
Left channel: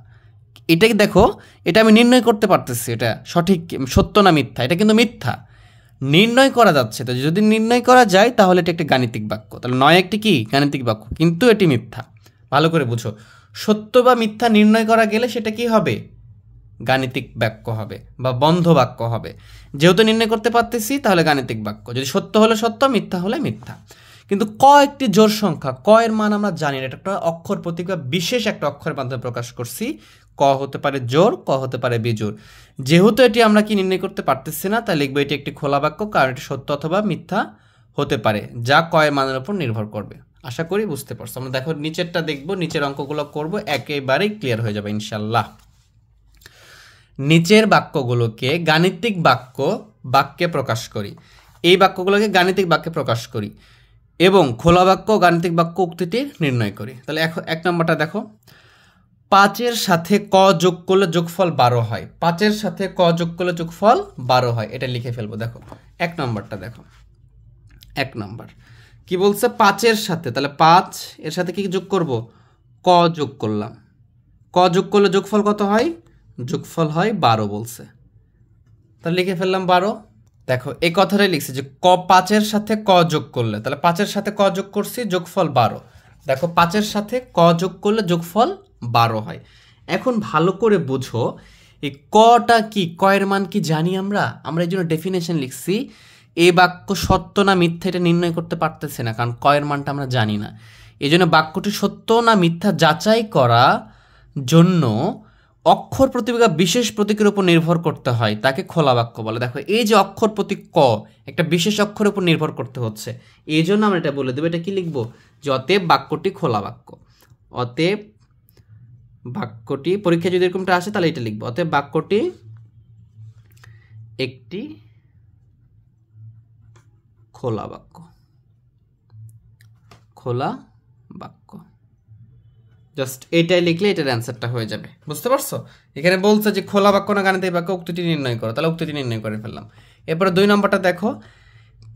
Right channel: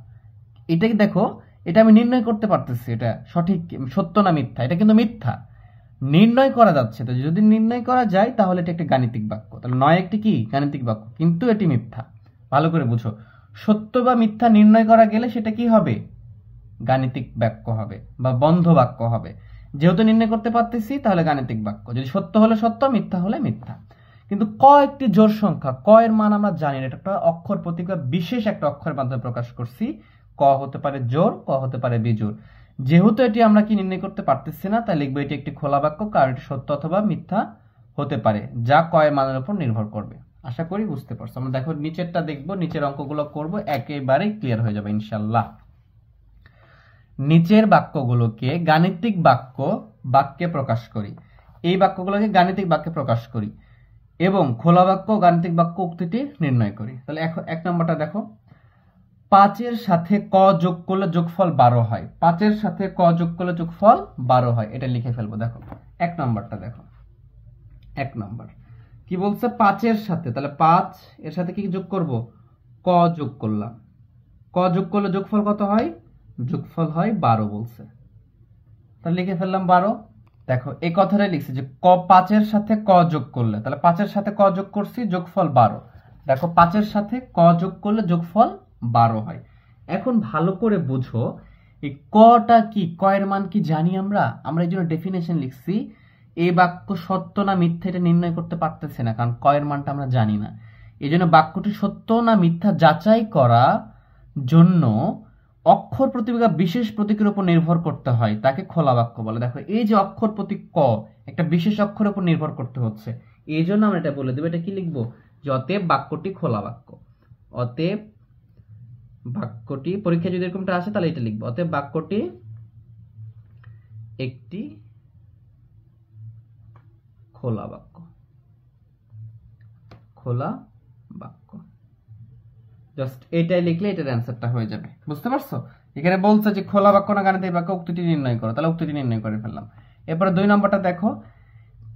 এটাকে দেখো, এটা আমি নির্ণয় করতে পারতেছি এটা সঠিক সত্য না মিথ্যা। এটা কিন্তু মিথ্যা, নির্ণয় করা যাচ্ছে। তো যদি নির্ণয় করা যায় তাহলে এটা একটা গাণিতিক বাক্য। তাহলে 9 একটি কি? গাণিতিক বাক্য, কিন্তু এটি মিথ্যা। ভালো করে বুঝো, সত্য বা মিথ্যা নির্ণয় করা গেলে সেটা কি হবে? গাণিতিক বাক্য হবে বা বন্ধ বাক্য হবে। যেহেতু নির্ণয় করতে পারতেছি তাহলে গাণিতিক বাক্য। যদি সত্য হলে সত্য, মিথ্যা হলে মিথ্যা। কিন্তু ক একটি জোড় সংখ্যা, ক এর মান আমরা জানি না। এটা একটা অক্ষর প্রতীক বা বিশেষ একটা অক্ষরের মাধ্যমে প্রকাশ করছি। ক হতে পারে জোড়, ক হতে পারে বিজোড়। যেহেতু এটি আমরা কি নির্ণয় করতে পারতেছি না, তাই লিখবো এটি একটি খোলা বাক্য, কারণ এটি সত্য অথবা মিথ্যা হতে পারে, যা ক এর মানের উপর নির্ভর করবে। আশা করি বুঝতে পারছো। আমরা দেখো নিচেরটা দেখবো, নিচের অঙ্কগুলো করব, একেবারেই ক্লিয়ার হয়ে যাবে ইনশাল্লাহ। নিচের বাক্যগুলোকে গাণিতিক বাক্যে প্রকাশ করি। এই বাক্যগুলোকে গাণিতিক বাক্যে প্রকাশ করি এবং খোলা বাক্য গাণিতিক বাক্য উক্তিটি নির্ণয় করি। তাহলে এক নম্বরটা দেখো, 5-এর সাথে ক যোগ করলে যোগফল 12 হয়। 5-এর সাথে ক যোগ করলে যোগফল 12 হয়, এটা লিখে ফেলবো। দেখো এক নম্বরটা দেখো, এক নম্বর কি বলছে? 5-এর সাথে, তাহলে 5 এর সাথে কি যোগ করব? ক যোগ করলাম। ক যোগ করলে যোগফল কত হয়? যোগফল হয় 12 বলছে, তাহলে লিখে ফেললাম 12। দেখো এই কথাটাই লিখছি যে 5-এর সাথে ক যোগ করলে, তাহলে 5-এর সাথে ক যোগ করছি, যোগফল 12। দেখো 5-এর সাথে ক যোগ করলে যোগফল 12 হয়। এখন ভালো করে বুঝো, এই কটা কি? ক এর মান কি জানি আমরা? এই জন্য ডেফিনেশন লিখছি। এই বাক্য সত্য না মিথ্যা এটা নির্ণয় করতে পারতেছে না, কারণ ক এর মানটা আমরা জানি না। এই জন্য বাক্যটি সত্য না মিথ্যা যাচাই করা জন্য অক্ষর প্রতীক বা বিশেষ প্রতীকের উপর নির্ভর করতে হয়, তাকে খোলা বাক্য বলে। দেখো এই যে অক্ষর প্রতীক ক একটা বিশেষ অক্ষরের উপর নির্ভর করতে হচ্ছে, এই জন্য আমরা এটা বলে দেবো। এটা কি লিখবো? যে অতএব বাক্যটি খোলা বাক্য। অতএব বাক্যটি, পরীক্ষা যদি এরকমটা আসে তাহলে এটা লিখবো, অতএব বাক্যটি একটি খোলা বাক্য। খোলা বাক্য, জাস্ট এটাই লিখলে এটার অ্যান্সারটা হয়ে যাবে। বুঝতে পারছো? এখানে বলছে যে খোলা বাক্য না গাণিতিক বাক্য, উক্তিটি নির্ণয় করো। তাহলে উক্তিটি নির্ণয় করে ফেললাম। এরপরে 2 নম্বরটা দেখো,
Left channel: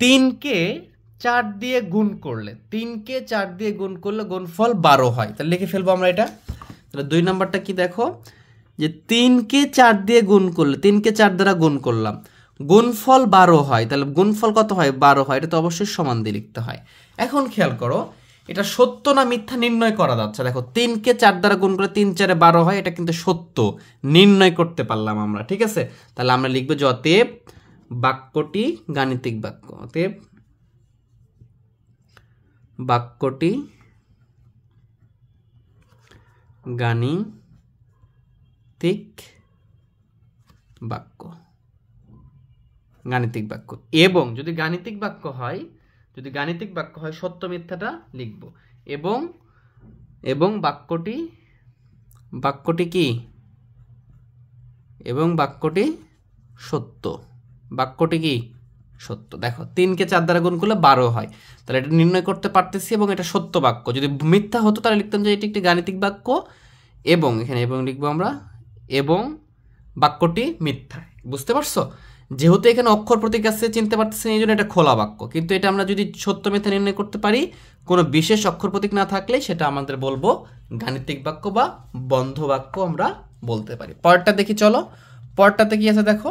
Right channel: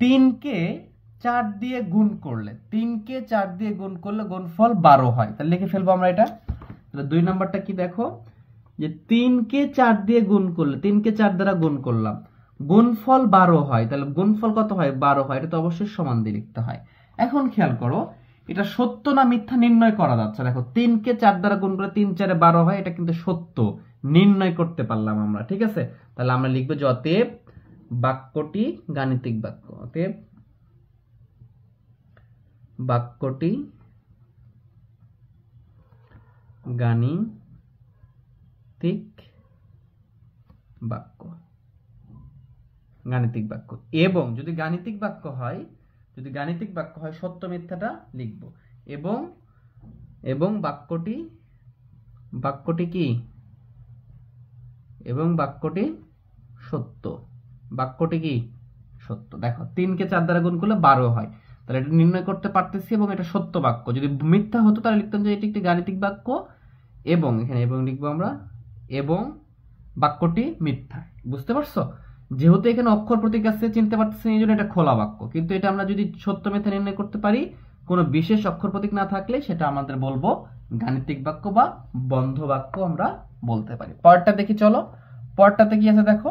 3-কে 4 দিয়ে গুণ করলে, 3কে 4 দিয়ে গুণ করলে গুণফল 12 হয়। তাহলে লিখে ফেলবো আমরা এটা। তাহলে 2 নম্বরটা কি দেখো, যে 3কে 4 দিয়ে গুণ করলে, 3কে 4 দ্বারা গুণ করলাম, গুণফল 12 হয়। তাহলে গুণফল কত হয়? 12 হয়। এটা তো অবশ্যই সমান দিয়ে লিখতে হয়। এখন খেয়াল করো, এটা সত্য না মিথ্যা নির্ণয় করা যাচ্ছে। দেখো 3কে 4 দ্বারা গুণ করে 3 4 12 হয়, এটা কিন্তু সত্য, নির্ণয় করতে পারলাম আমরা। ঠিক আছে, তাহলে আমরা লিখবো যে অতএব বাক্যটি গাণিতিক বাক্য। অতএব বাক্যটি গাণিতিক বাক্য, গাণিতিক বাক্য। এবং যদি গাণিতিক বাক্য হয়, যদি গাণিতিক বাক্য হয় সত্য মিথ্যাটা লিখব। এবং বাক্যটি কি? এবং বাক্যটি সত্য। বাক্যটি কি? সত্য। দেখো 3কে 4 দ্বারা গুণ করলে 12 হয়, তাহলে এটা নির্ণয় করতে পারতেছি এবং এটা সত্য বাক্য। যদি মিথ্যা হতো তাহলে লিখতাম যে এটি একটি গাণিতিক বাক্য, এবং এখানে এবং লিখবো আমরা, এবং বাক্যটি মিথ্যা। বুঝতে পারছো? যেহেতু এখানে অক্ষর প্রতীক আছে চিনতে পারতেছেন, এই জন্য এটা খোলা বাক্য। কিন্তু এটা আমরা যদি সত্য মিথ্যা নির্ণয় করতে পারি, কোনো বিশেষ অক্ষর প্রতীক না থাকলে সেটা আমাদের বলবো গাণিতিক বাক্য বা বন্ধ বাক্য আমরা বলতে পারি। পরেরটা দেখি চলো। পরেরটাতে কি আছে দেখো,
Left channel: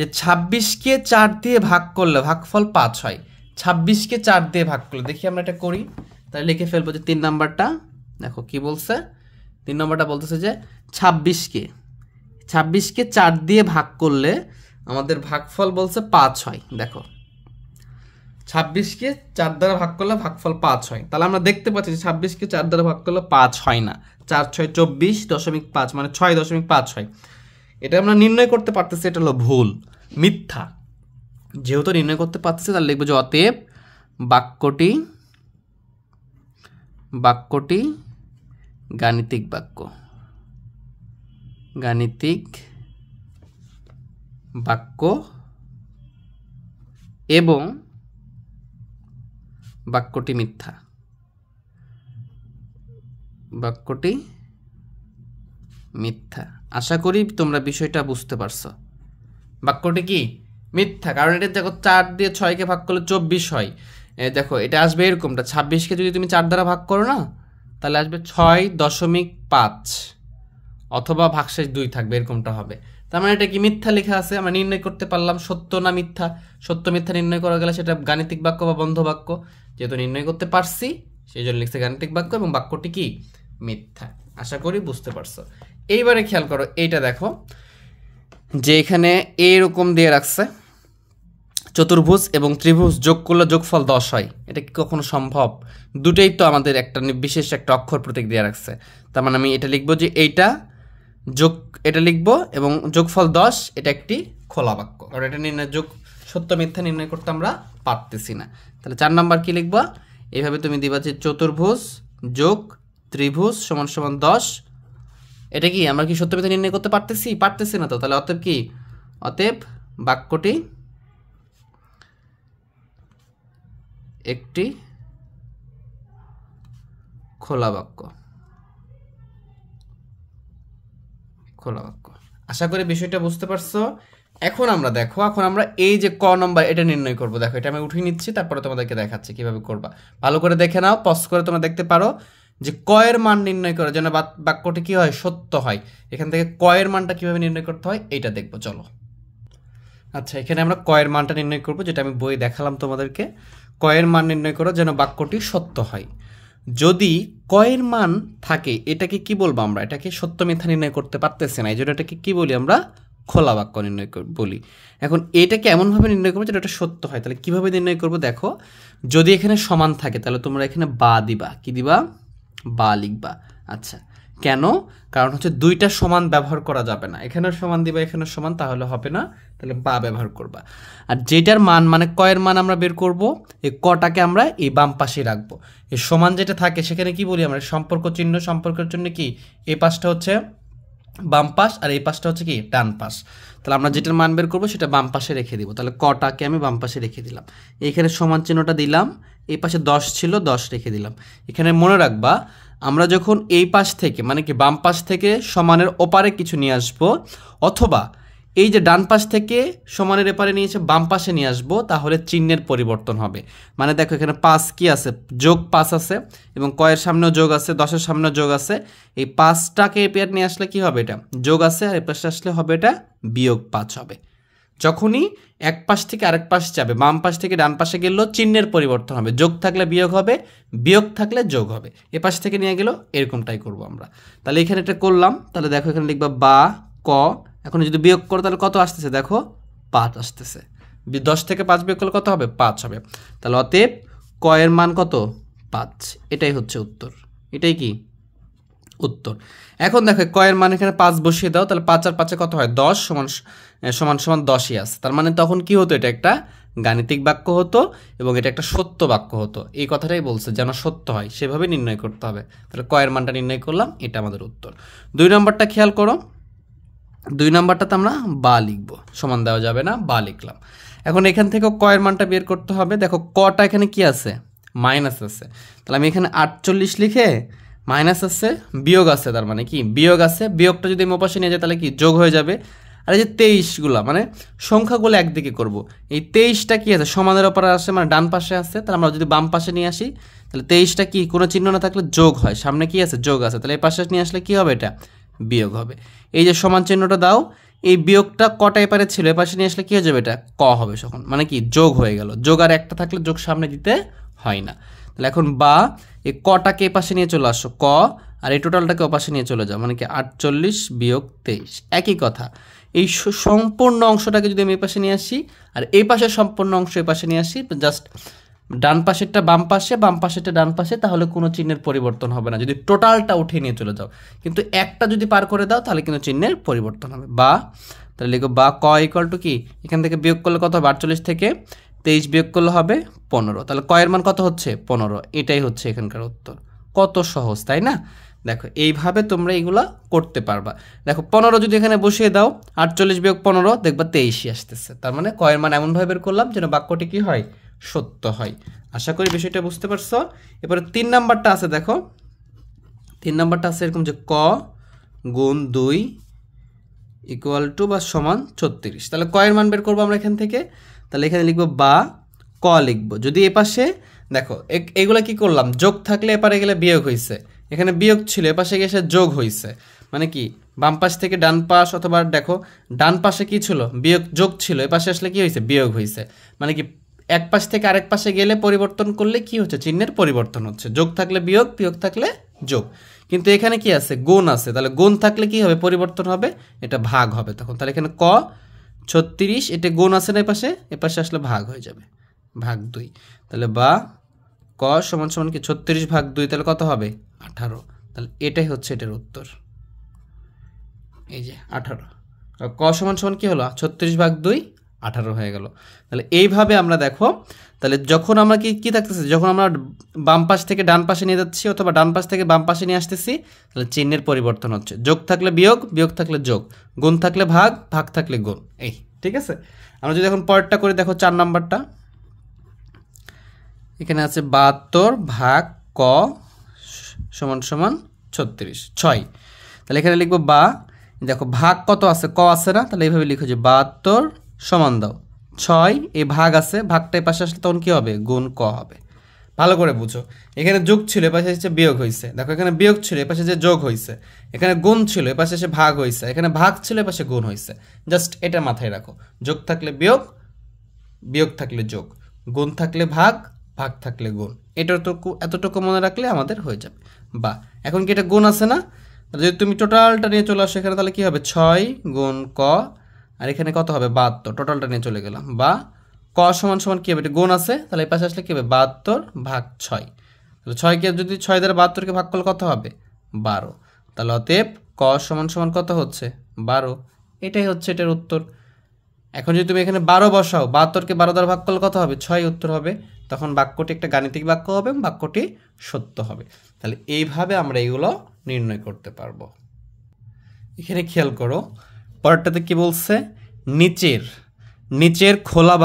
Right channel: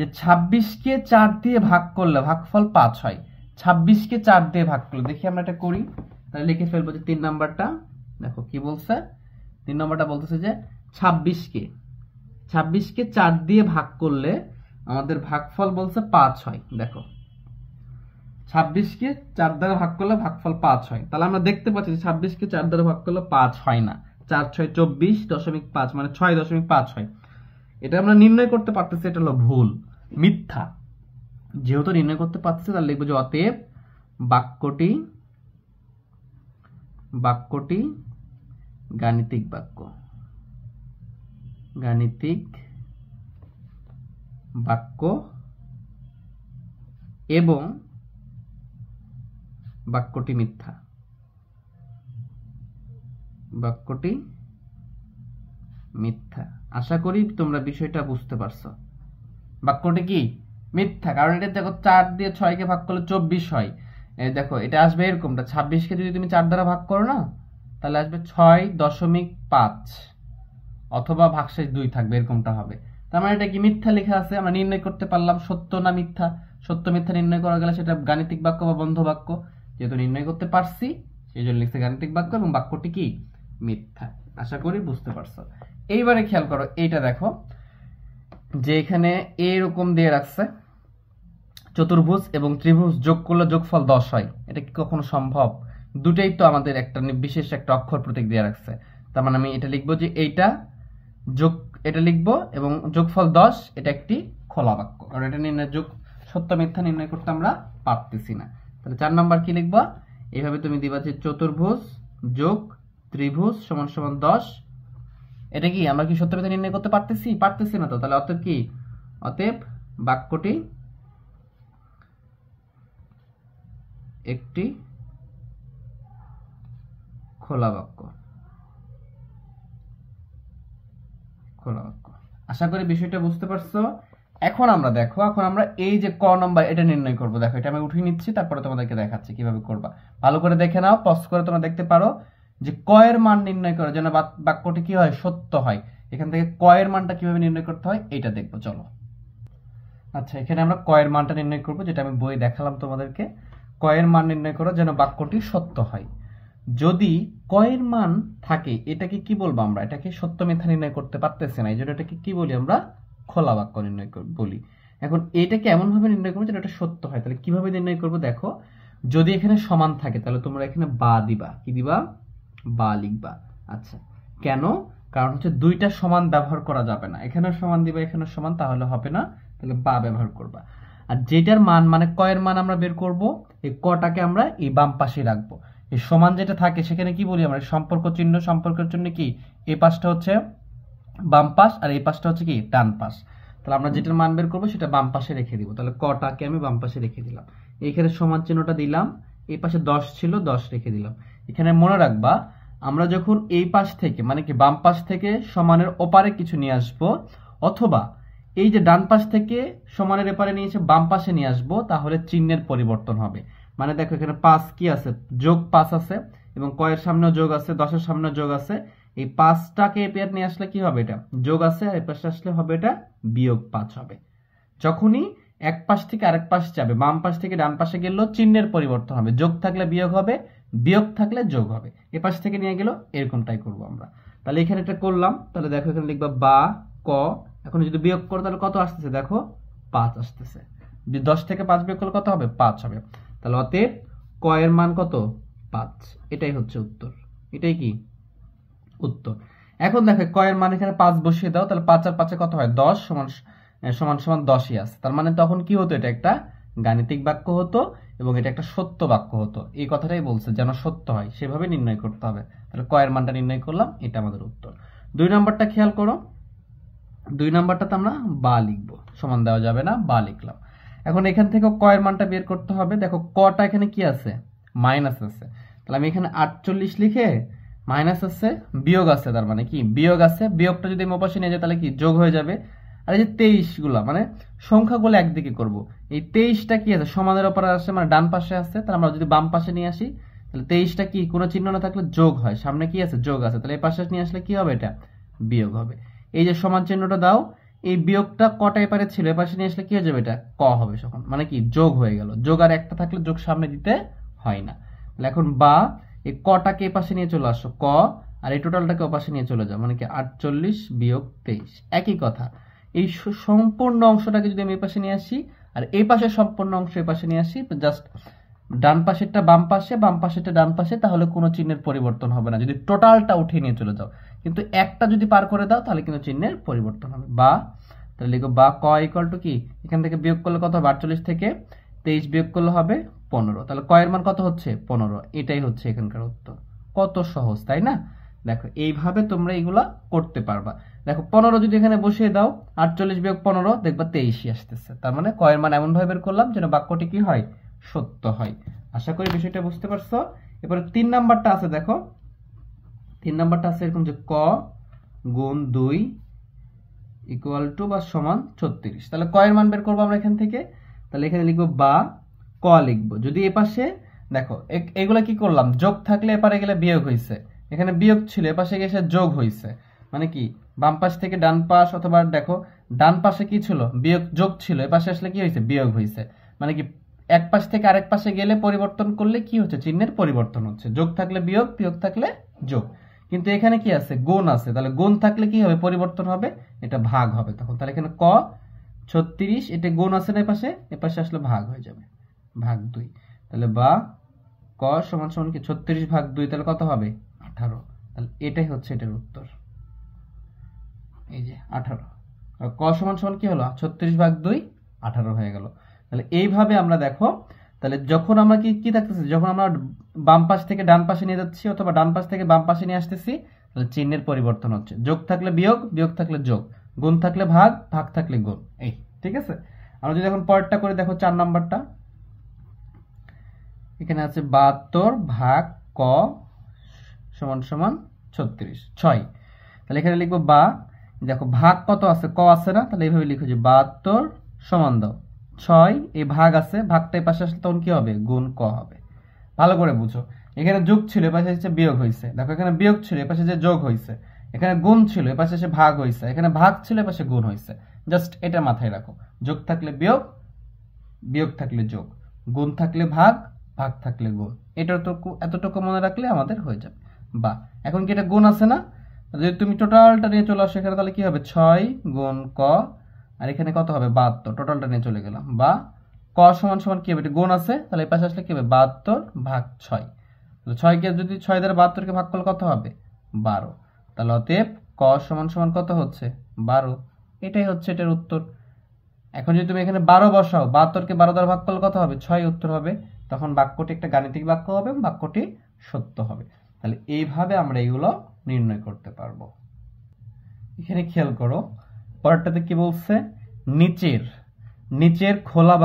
এই 26কে 4 দিয়ে ভাগ করলে ভাগফল 5 হয়। 26কে 4 দিয়ে ভাগ করলে, দেখি আমরা এটা করি। তাহলে লিখে ফেলবো যে 3 নাম্বারটা। দেখো কি বলছে, 3 নম্বরটা বলতেছে যে 26কে 4 দিয়ে ভাগ করলে আমাদের ভাগফল বলছে 5 হয়। দেখো 26কে 4 দ্বারা ভাগ করলে ভাগফল 5 হয়। তাহলে আমরা দেখতে পাচ্ছি যে 26কে 4 দ্বারা ভাগ করলে 5 হয় না, 4 6 24.5 মানে 6.5 হয়। এটা আমরা নির্ণয় করতে পারতেছি, এটা হলো ভুল, মিথ্যা। যেহেতু নির্ণয় করতে পারতেছি, তাহলে লিখবো যে অতএব বাক্যটি গাণিতিক বাক্য, গাণিতিক বাক্য এবং বাক্যটি মিথ্যা। বাক্যটি মিথ্যা। আশা করি তোমরা বিষয়টা বুঝতে পারছো। বাক্যটি কি? মিথ্যা, কারণ এটা দেখো 4 দিয়ে 6কে ভাগ করলে 24 হয়। দেখো এটা আসবে এরকমটা, 26কে যদি তুমি 4 দ্বারা ভাগ করো না, তাহলে আসবে 6.5 অথবা ভাগশেষ 2 থাকবে, এরকমটা হবে। তার মানে এটা কি? মিথ্যা লেখা আছে। আমরা নির্ণয় করতে পারলাম সত্য না মিথ্যা। সত্য মিথ্যা নির্ণয় করা গেলে সেটা গাণিতিক বাক্য বা বন্ধ বাক্য। যেহেতু নির্ণয় করতে পারছি, সেই জন্য লিখছে গাণিতিক বাক্য এবং বাক্যটি কি? মিথ্যা। আশা করি বুঝতে পারছো। এইবারে খেয়াল করো, এইটা দেখো যে এখানে এইরকম দিয়ে রাখছে, চতুর্ভুজ এবং ত্রিভুজ যোগ করলে যোগফল 10 হয়। এটা কি কখনো সম্ভব? দুটোই তো আমাদের একটা বিশেষ একটা অক্ষর প্রতীক দিয়ে রাখছে। তার মানে আমি এটা লিখবো যে এইটা যোগ, এটা লিখবো এবং যোগফল 10, এটা একটি খোলা বাক্য, কারণ এটা নির্ণয় যোগ সত্য মিথ্যা নির্ণয় করতে আমরা পারতেছি না। তাহলে 4 নাম্বার কি লিখবা? এইভাবে তুমি দিবা যে চতুর্ভুজ যোগ ত্রিভুজ সমান সমান 10। এটা কি আমরা কি সত্য মিথ্যা নির্ণয় করতে পারতেছি না তো। তাহলে অতএব কি? অতএব বাক্যটি একটি খোলা বাক্য, খোলা বাক্য। আশা করি বিষয়টা বুঝতে পারছো। এখন আমরা দেখো, এখন আমরা এই যে ক নম্বর এটা নির্ণয় করব। দেখো এটা আমি উঠিয়ে নিচ্ছি, তারপরে তোমাদেরকে দেখাচ্ছি কিভাবে করবা। ভালো করে দেখে নাও, পজ করে তোমরা দেখতে পারো যে ক এর মান নির্ণয় করে যেন বাক্যটি কি হয়? সত্য হয়। এখান থেকে ক এর মানটা কিভাবে নির্ণয় করতে হয় এইটা দেখবো, চলো। আচ্ছা, এখানে আমরা ক এর মানটা নির্ণয় করব, যেটা আমি বই দেখালাম তোমাদেরকে। ক এর মান নির্ণয় করো যেন বাক্যটি সত্য হয়। যদি ক এর মান থাকে, এটাকে কি বলবো আমরা? এটাকে সত্য মিথ্যা নির্ণয় করতে পারতেছি না, এই জন্য এটাকে কি বলি আমরা? খোলা বাক্য নির্ণয় বলি। এখন এটাকে এমনভাবে নির্ণয় করবো যেটা সত্য হয়। তাহলে কিভাবে নির্ণয় করবো? দেখো, যদি এখানে সমান থাকে তাহলে তোমরা এখানে বা দিবা। কি দিবা? বা লিখবা। আচ্ছা, কেন? কারণ হচ্ছে দুইটা সমান ব্যবহার করা যাবে না। এখানেও সমান দিবা, এখানেও সমান, তাহলে হবে না। তাহলে বা ব্যবহার করবা। আর যেটার মান মানে ক এর মান আমরা বের করব, এই কটাকে আমরা এই বাম পাশে রাখবো। এই সমান যেটা থাকে সেখানে কি বলি আমরা? সম্পর্ক চিহ্ন। সম্পর্কের জন্য কি এই পাশটা হচ্ছে বাম পাশ আর এই পাশটা হচ্ছে কি ডান পাশ। তাহলে আমরা যেটার মান বের করবো সেটা বাম পাশে রেখে দিব। তাহলে কটাকে আমি বাম পাশে রেখে দিলাম, এইখানে সমান চিহ্নটা দিলাম, এই পাশে 10 ছিল, 10 রেখে দিলাম। এখানে মনে রাখবা, আমরা যখন এই পাশ থেকে মানে কি বাম পাশ থেকে সমানের ওপারে কিছু নিয়ে আসবো, অথবা এই যে ডান পাশ থেকে সমানের এপারে নিয়ে এসে বাম পাশে নিয়ে আসবো, তাহলে চিহ্নের পরিবর্তন হবে। মানে দেখো এখানে 5 কি আছে, যোগ 5 আছে, এবং কয়ের সামনেও যোগ আছে, 10-এর সামনেও যোগ আছে। এই 5টাকে এপারে নিয়ে আসলে কি হবে, এটা যোগ আছে, আর এপাশে আসলে হবে এটা বিয়োগ 5 হবে। যখনই এক পাশ থেকে আরেক পাশ যাবে, বাম পাশ থেকে ডান পাশে গেলেও চিহ্নের পরিবর্তন হবে। যোগ থাকলে বিয়োগ হবে, বিয়োগ থাকলে যোগ হবে। এ পাশ থেকে নিয়ে গেলেও এরকমটাই করব আমরা। তাহলে এখানে এটা করলাম, তাহলে দেখো এখানে লিখবা বা ক। এখন যদি বিয়োগ করো তাহলে কত আসতেছে, দেখো 5 আসতেছে। 10 থেকে 5 বিয়োগ করলে কত হবে, 5 হবে। তাহলে অতএব ক এর মান কত, 5। এটাই হচ্ছে উত্তর, এটাই কি উত্তর। এখন দেখো ক এর মান এখানে 5 বসিয়ে দাও, তাহলে 5 আর 5 কত হয়, 10 সমান সমান সমান 10ই আছে। তার মানে তখন কি হতো, এটা একটা গাণিতিক বাক্য হতো এবং এটা একটা সত্য বাক্য হতো। এই কথাটাই বলছে, যেন সত্য হয় সেভাবে নির্ণয় করতে হবে। তাহলে ক এর মানটা নির্ণয় করলাম, এটা আমাদের উত্তর। 2 নম্বরটা খেয়াল করো, 2 নম্বরটাতে আমরা বা লিখব, সমান দেওয়া যাবে না, বা লিখলাম। এখন এখান থেকে ক এর মানটা বের করতে হবে। দেখো কটা এখানে কি আছে, মাইনাস আছে। তাহলে আমি এখানে 48 লিখে মাইনাস আছে, বিয়োগ আছে, তার মানে কি বিয়োগ আছে। বিয়োগটা যদি আমি ওপাশে নিয়ে যাই তাহলে কি যোগ হয়ে যাবে। আর এই যে 23গুলা, মানে সংখ্যাগুলো একদিকে করব। এই 23টা কি আছে, সমানের ওপরে আসে, মানে ডান পাশে আছে। তাহলে আমরা যদি বাম পাশে নিয়ে আসি, তাহলে 23টা কি কোনো চিহ্ন না থাকলে যোগ হয়, সামনে কি আছে যোগ আছে। তাহলে এই পাশে নিয়ে আসলে কি হবে, এটা বিয়োগ হবে। এই যে সমান চিহ্নটা দাও, এই বিয়োগটা কটা এপারে ছিল, এ পাশে নিয়ে আসলে কি হয়ে যাবে, এটা ক হবে তখন, মানে কি যোগ হয়ে গেল। যোগ আর একটা থাকলে যোগ সামনে দিতে হয় না। তাহলে এখন বা এই কটাকে এ পাশে নিয়ে চলে আসো, ক, আর এই টোটালটাকে ও পাশে নিয়ে চলে যাও, মানে কি 48 বিয়োগ 23, একই কথা। এই সম্পূর্ণ অংশটাকে যদি আমি এই পাশে নিয়ে আসি, আর এই পাশের সম্পূর্ণ অংশ এই পাশে নিয়ে আসি, জাস্ট ডান পাশেরটা বাম পাশে, বাম পাশেরটা ডান পাশে, তাহলে কোনো চিহ্নের পরিবর্তন হবে না যদি টোটালটা উঠে নিয়ে চলে যাও। কিন্তু একটা যদি পার করে দাও তাহলে কিন্তু চিহ্নের পরিবর্তন হবে। বা তাহলে লিখো বা ক ইকুয়াল টু কি, এখান থেকে বিয়োগ করলে কত হবে, 48 থেকে 23 বিয়োগ করলে হবে 15। তাহলে ক এর মান কত হচ্ছে, 15। এটাই হচ্ছে এখানকার উত্তর। কত সহজ, তাই না? দেখো এইভাবে তোমরা এগুলা করতে পারবা। দেখো 15 যদি এখানে বসিয়ে দাও, 48 বিয়োগ 15, দেখবা 23ই আসতেছে। তার মানে ক এর মান এমনভাবে বের করলাম যেন বাক্যটি কি হয়, সত্য হয়। আশা করি বিষয়টা বুঝতে পারছো। এবারে 3 নাম্বারটা আছে, দেখো 3 নাম্বারটা আছে এরকম যে ক গুণ 2 ইকুয়াল টু বা সমান 36। তাহলে ক এর মান বের করবো আমরা এখান থেকে। তাহলে এখানে লিখবো বা ক লিখবো, যদি এ পাশে দেখো এগুলা কি করলাম, যোগ থাকলে এপারে গেলে বিয়োগ হয়েছে, এখানে বিয়োগ ছিল এপাশে গেছে যোগ হয়েছে, মানে কি বাম পাশ থেকে ডান পাশ, অথবা দেখো ডান পাশে কি ছিল, বিয়োগ যোগ ছিল, এপাশে আসলে কি হয়েছে, বিয়োগ হয়েছে। মানে কি এক পাশ থেকে আরেক পাশে গেলে পরিবর্তন করলে কি হচ্ছে, চিহ্নের পরিবর্তন হচ্ছে। যোগ থাকলে বিয়োগ, বিয়োগ থাকলে যোগ। কিন্তু এখানে কি আছে, গুণ আছে, তাহলে গুণ থাকলে কি হবে, পরিবর্তন হবে, এটা ভাগ হবে তখন। তাহলে এখানে ক 36, এটা গুণ আছে না এপাশে, এপাশে আসলে ভাগ হয়ে যাবে, ভাগ 2। তাহলে বা ক সমান সমান কি 36 ভাগ 2, তাহলে কত হবে, 18। তাহলে এটাই হচ্ছে এটার উত্তর, এই যে 18। আর ক সমান সমান কি হলো, 36 ভাগ 2, 18 হয়ে গেল। তাহলে এইভাবে আমরা দেখো, তাহলে যখন আমরা কি থাকতেছে, যখন আমরা বাম পাশ থেকে ডান পাশে নিয়ে যাচ্ছি অথবা ডান পাশ থেকে বাম পাশে নিয়ে আসতেছি, তাহলে চিহ্নের পরিবর্তন হচ্ছে। যোগ থাকলে বিয়োগ, বিয়োগ থাকলে যোগ, গুণ থাকলে ভাগ, ভাগ থাকলে গুণ। এই ঠিক আছে। আমরা যদি এখন পরেরটা করে দেখো, 4 নাম্বারটা এখানে আছে 72 ভাগ ক সমান সমান 36, 6। তাহলে এখানে লিখবো বা, দেখো ভাগ কত আছে, ক আছে না, তাহলে এইভাবে লিখো যে 72 সমান দাও 6, এই ভাগ আছে, ভাগটা এই পাশে আসলে তখন কি হবে, গুণ ক হবে। ভালো করে বুঝো, এখানে যোগ ছিল এপাশে এসে বিয়োগ হয়েছে, দেখো এখানে বিয়োগ ছিল এপাশে যে যোগ হয়েছে, এখানে গুণ ছিল এপাশে এসে ভাগ হয়েছে, এখানে ভাগ ছিল এপাশে গুণ হয়েছে। জাস্ট এটা মাথায় রাখো, যোগ থাকলে বিয়োগ, বিয়োগ থাকলে যোগ, গুণ থাকলে ভাগ, ভাগ থাকলে গুণ। এতটুকু মনে রাখলে আমাদের হয়ে যাবে। বা এখন কি এটা গুণ আছে না, যদি তুমি টোটালটা নিয়ে চলে আসো এখানে, তাহলে কি হবে 6 গুণ ক, আর এখানে কত হবে 72, টোটালটা নিয়ে চলে গেলাম। বা ক সমান সমান কি হবে, এটা গুণ আছে, তাহলে এই পাশে আসলে কি হবে 72 ভাগ 6। তাহলে 6কে যদি 6 দ্বারা 72কে ভাগ করলে কত হবে, 12। তাহলে অতএব ক সমান সমান কত হচ্ছে, 12। এটাই হচ্ছে এটার উত্তর। এখন যদি তুমি এখানে 12 বসাও, 72কে 12 দ্বারা ভাগ করলে কত হবে, 6 উত্তর হবে। তখন বাক্যটি একটা গাণিতিক বাক্য হবে, বাক্যটি সত্য হবে। তাহলে এইভাবে আমরা এগুলো নির্ণয় করতে পারবো। এখানে খেয়াল করো, পরেরটাতে কি বলছে, নিচের খোলা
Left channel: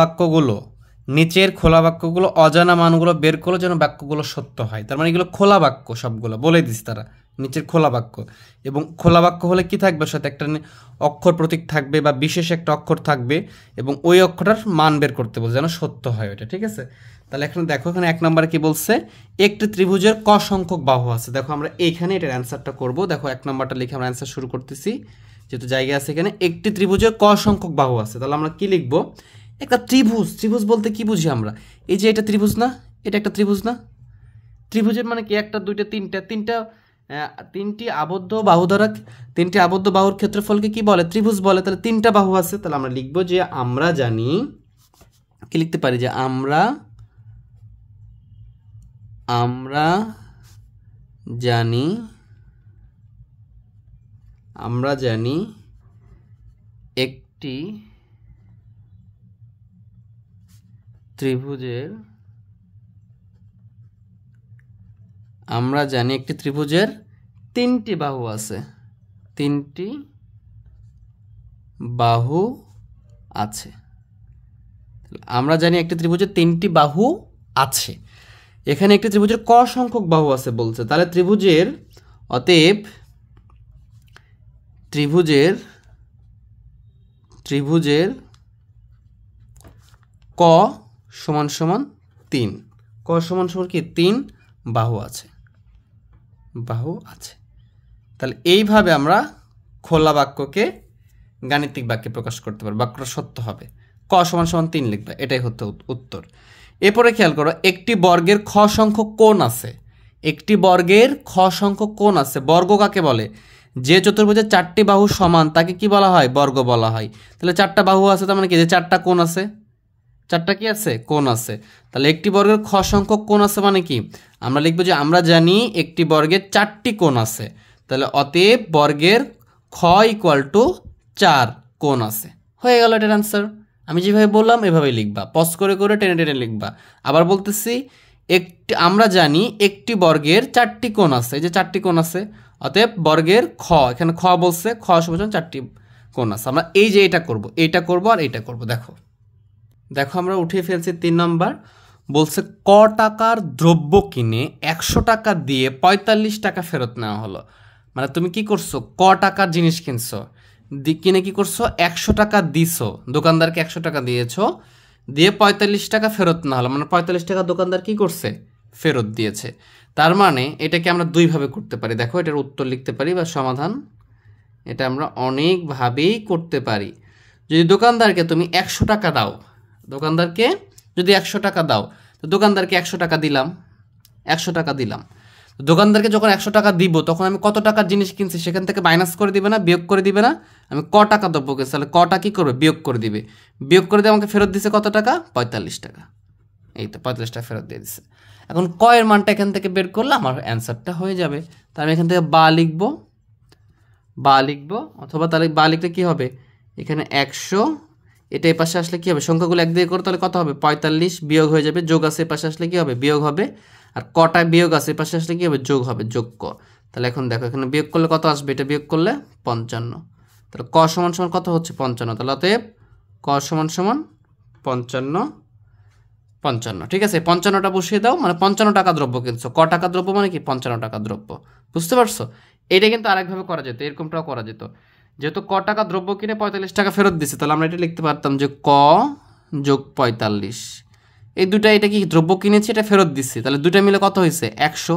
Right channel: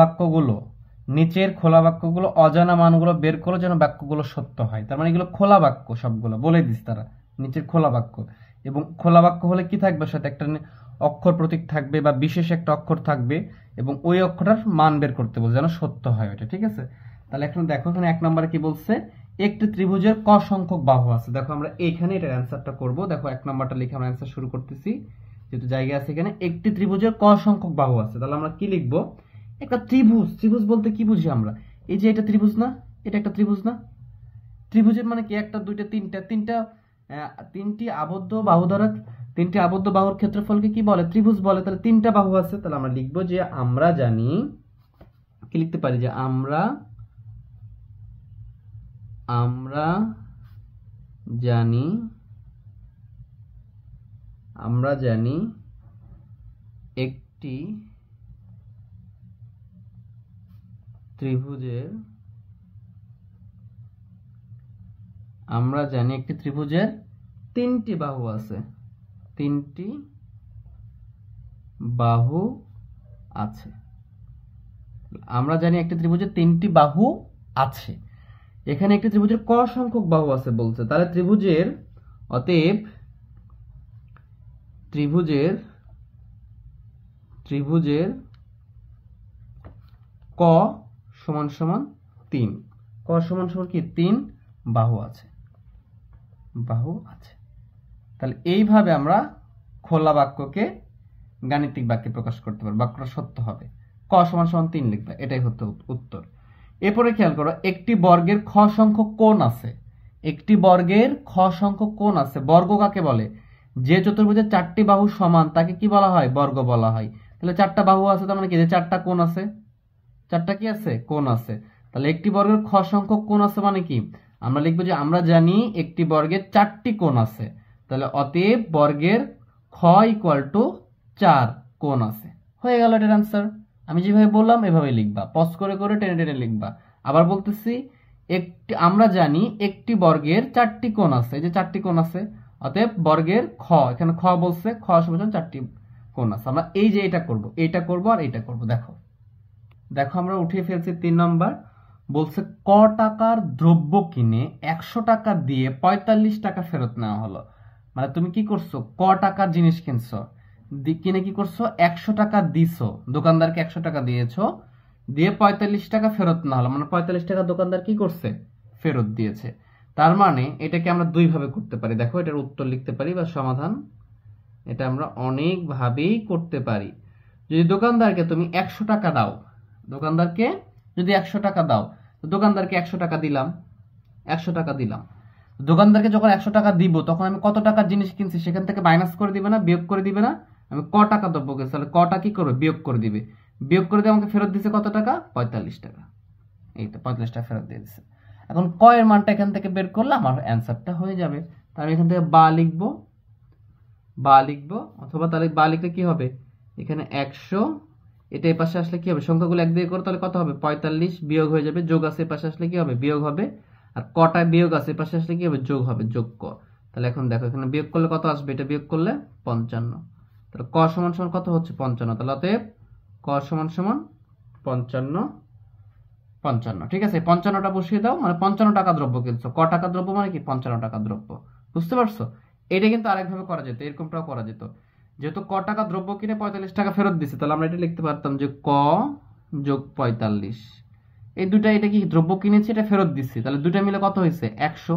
বাক্যগুলো অজানা মানগুলো বের করো যেন বাক্যগুলো সত্য হয়। তার মানে এগুলো খোলা বাক্য, সবগুলো বলে দিস তারা নিচের খোলা বাক্য। এবং খোলা বাক্য হলে কি থাকবে, সাথে একটা অক্ষর প্রতীক থাকবে বা বিশেষ একটা অক্ষর থাকবে এবং ওই অক্ষরটার মান বের করতে বলছে যেন সত্য হয় ওটা, ঠিক আছে। তাহলে এখন দেখো এখানে 1 নম্বরে কি বলছে, একটি ত্রিভুজের ক সংখ্যক বাহু আছে। দেখো আমরা এইখানে এটার অ্যান্সারটা করব। দেখো 1 নম্বরটা লিখে আমরা অ্যান্সার শুরু করতেছি, যেহেতু জায়গা আছে এখানে। একটি ত্রিভুজের ক সংখ্যক বাহু আছে, তাহলে আমরা কি লিখবো, একটা ত্রিভুজ। ত্রিভুজ বলতে কি বুঝি আমরা, এই যে এটা ত্রিভুজ না, এটা একটা ত্রিভুজ না। ত্রিভুজের মানে কি, একটা দুইটা তিনটা তিনটি আবদ্ধ বাহু দ্বারা, তিনটি আবদ্ধ বাহুর ক্ষেত্রফলকে কি বলে, ত্রিভুজ বলে। তাহলে 3টা বাহু আছে, তাহলে আমরা লিখবো যে আমরা জানি, কি লিখতে পারি, যে আমরা জানি একটি ত্রিভুজের, আমরা জানি একটি ত্রিভুজের 3টি বাহু আছে, 3টি বাহু আছে। আমরা জানি একটি ত্রিভুজের 3টি বাহু আছে। এখানে একটি ত্রিভুজের ক সংখ্যক বাহু আছে বলছে, তাহলে ত্রিভুজের, অতএব ত্রিভুজের ক সমান সমান 3, ক সমান সমান কি 3 বাহু আছে, তাহলে এইভাবে আমরা খোলা বাক্যকে গাণিতিক বাক্যে প্রকাশ করতে পারি, বাক্যটা সত্য হবে। ক সমান সমান 3 লিখবে, এটাই হতো উত্তর। এরপরে খেয়াল করো, একটি বর্গের খ সংখ্যক কোণ আছে। একটি বর্গের খ সংখ্যক কোণ আছে। বর্গ কাকে বলে, যে চতুর্ভুজের 4টি বাহু সমান তাকে কি বলা হয়, বর্গ বলা হয়। তাহলে 4টা বাহু আছে, তার মানে কি, যে 4টা কোণ আছে, 4টা কি আছে, কোণ আছে। তাহলে একটি বর্গের খ সংখ্যক কোণ আছে মানে কি, আমরা লিখবো যে আমরা জানি একটি বর্গের 4টি কোণ আছে। তাহলে অতএব বর্গের খ = 4 কোণ আছে। হয়ে গেল এটার অ্যান্সার। আমি যেভাবে বললাম এভাবেই লিখবা, পজ করে করে টেনে টেনে লিখবা। আবার বলতেছি, আমরা জানি একটি বর্গের 4টি কোণ আছে, এই যে 4টি কোণ আছে, অতএব বর্গের খ, এখানে খ বলছে, খ সমান 4টি কোণ আছে। আমরা এই যে এটা করব আর এইটা করব। দেখো আমরা উঠিয়ে ফেলছি 3 নম্বর। বলছে ক টাকার দ্রব্য কিনে 100 টাকা দিয়ে 45 টাকা ফেরত নেওয়া হলো। মানে তুমি কি করছো, ক টাকার জিনিস কিনছো, কিনে কি করছো, 100 টাকা দিছো, দোকানদারকে 100 টাকা দিয়েছো, দিয়ে 45 টাকা ফেরত না হলো, মানে 45 টাকা দোকানদার কি করছে, ফেরত দিয়েছে। তার মানে এটাকে আমরা দুইভাবে করতে পারি। দেখো এটার উত্তর লিখতে পারি বা সমাধান, এটা আমরা অনেকভাবেই করতে পারি। যদি দোকানদারকে তুমি 100 টাকা দাও, দোকানদারকে যদি 100 টাকা দাও, তো দোকানদারকে 100 টাকা দিলাম, 100 টাকা দিলাম। দোকানদারকে যখন 100 টাকা দিব, তখন আমি কত টাকার জিনিস কিনছি সেখান থেকে মাইনাস করে দিবে না, বিয়োগ করে দিবে না। আমি ক টাকা দ্রব্য কিনছি, তাহলে কটা কি করবে, বিয়োগ করে দিবে। বিয়োগ করে দিয়ে আমাকে ফেরত দিছে কত টাকা, 45 টাকা। এই তো 45 টাকা ফেরত দিয়ে দিচ্ছে। এখন ক এর মানটা এখান থেকে বের করলে আমার অ্যান্সারটা হয়ে যাবে। তাহলে আমি এখান থেকে বা লিখবো, অথবা তাহলে বা লিখলে কি হবে, এখানে 100, এটা এই পাশে আসলে কি হবে, সংখ্যাগুলো 1 দিয়ে করো, তাহলে কত হবে, 45, বিয়োগ হয়ে যাবে, যোগ আছে এই পাশে আসলে কি হবে, বিয়োগ হবে। আর কটা বিয়োগ আছে এই পাশে আসলে কি হবে, যোগ হবে, যোগ ক। তাহলে এখন দেখো এখানে বিয়োগ করলে কত আসবে, এটা বিয়োগ করলে 55। তাহলে ক সমান সমান কত হচ্ছে, 55। তাহলে অতএব ক সমান সমান 55। ঠিক আছে, 55টা বসিয়ে দাও, মানে 55 টাকা দ্রব্য কিনছো। ক টাকা দ্রব্য মানে কি, 55 টাকা দ্রব্য। বুঝতে পারছো? এটা কিন্তু আরেকভাবে করা যেত, এরকমটাও করা যেত। যেহেতু ক টাকা দ্রব্য কিনে 45 টাকা ফেরত দিছে, তাহলে আমরা এটা লিখতে পারতাম যে ক যোগ 45। এই দুটা, এটা কি দ্রব্য কিনেছি, এটা ফেরত দিচ্ছি, তাহলে দুটা মিলে কত হয়েছে, 100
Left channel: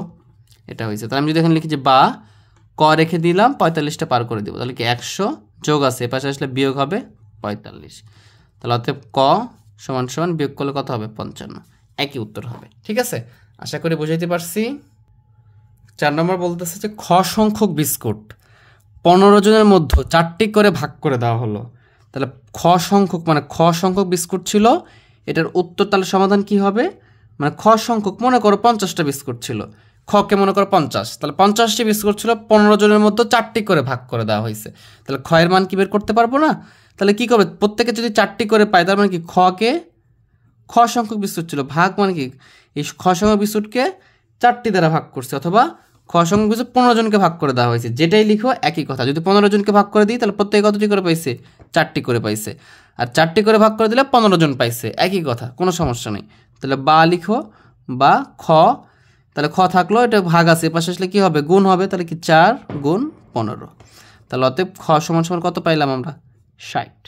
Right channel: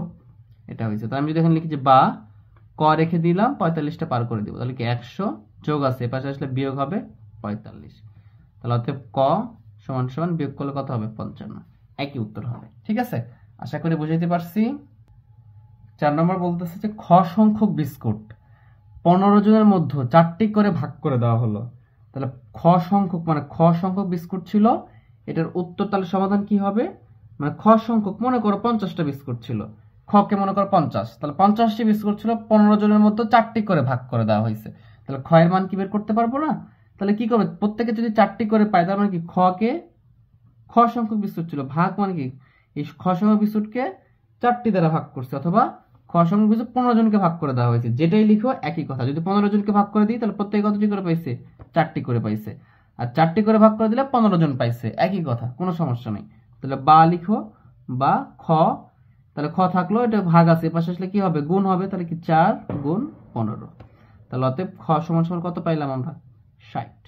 এটা হয়েছে। তাহলে আমি যদি এখানে লিখি যে বা, ক রেখে দিলাম, 45টা পার করে দিব, তাহলে কি 100 যোগ আছে এ পাশে আসলে বিয়োগ হবে 45। তাহলে অতএব ক সমান সমান বিয়োগ করলে কত হবে, 55। একই উত্তর হবে। ঠিক আছে, আশা করি বুঝাইতে পারছি। 4 নম্বর বলতেছে যে খ সংখ্যক বিস্কুট 15 জনের মধ্যে 4টি করে ভাগ করে দেওয়া হলো। তাহলে খ সংখ্যক, মানে খ সংখ্যক বিস্কুট ছিল, এটার উত্তর তাহলে সমাধান কি হবে, মানে খ সংখ্যক, মনে করো 50টা বিস্কুট ছিল, খকে মনে করো 50, তাহলে 50টি বিস্কুট ছিল, 15 জনের মধ্যে 4টি করে ভাগ করে দেওয়া হয়েছে। তাহলে খ এর মান কি বের করতে পারবো না? তাহলে কি করবে, প্রত্যেকে যদি 4টি করে পায়, তার মানে কি খকে, খ সংখ্যক বিস্কুট ছিল, ভাগ মানে কি, এই খ সংখ্যক বিস্কুটকে 4টি দ্বারা ভাগ করছে, অথবা খ সংখ্যক বিস্কুট 15 জনকে ভাগ করে দেওয়া হয়েছে। যেটাই লিখো একই কথা। যদি 15 জনকে ভাগ করে দিই, তাহলে প্রত্যেকে কতটি করে পাইছে, 4টি করে পাইছে। আর 4টি করে ভাগ করে দিলে 15 জন পাইছে, একই কথা, কোনো সমস্যা নেই। তাহলে বা লিখো, বা খ, তাহলে খ থাকলো, এটা ভাগ আছে, পাশে আসলে কি হবে, গুণ হবে, তাহলে কি 4 গুণ 15। তাহলে অতএব খ সমান সমান কত পাইলাম আমরা 60।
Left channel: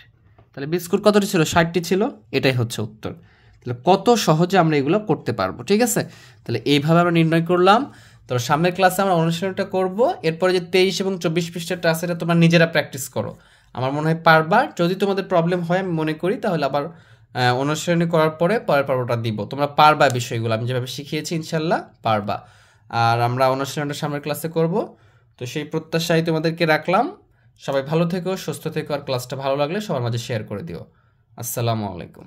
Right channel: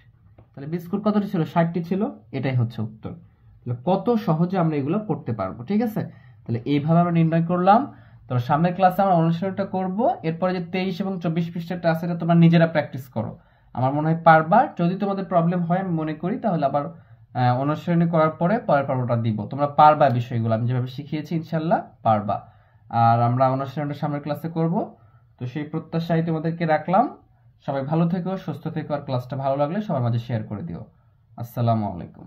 তাহলে বি স্কোর কতটি ছিল 60টি ছিল, এটাই হচ্ছে উত্তর। তাহলে কত সহজে আমরা এগুলো করতে পারবো, ঠিক আছে। তাহলে এইভাবে আমরা নির্ণয় করলাম। তো সামনের ক্লাসে আমরা অনুশীলনটা করব, এরপরে যে 23 এবং 24 পৃষ্ঠাটা আছে এটা তোমরা নিজেরা প্র্যাকটিস করো, আমার মনে হয় পারবা। যদি তোমাদের প্রবলেম হয় আমি মনে করি তাহলে আবার অনুশীলনী করার পরে পরের পর্বটা দিব, তোমরা পারবা বিষয়গুলো আমি যেভাবে শিখিয়েছি ইনশাল্লাহ পারবা। আর আমরা অনুশীলনটা সামনের ক্লাসে করব, তো সেই প্রত্যাশাই তোমাদেরকে রাখলাম। সবাই ভালো থেকো, সুস্থ থেকো, আর ক্লাসটা ভালো লাগলে সবার মাঝে শেয়ার করে দিও। আসসালামু আলাইকুম।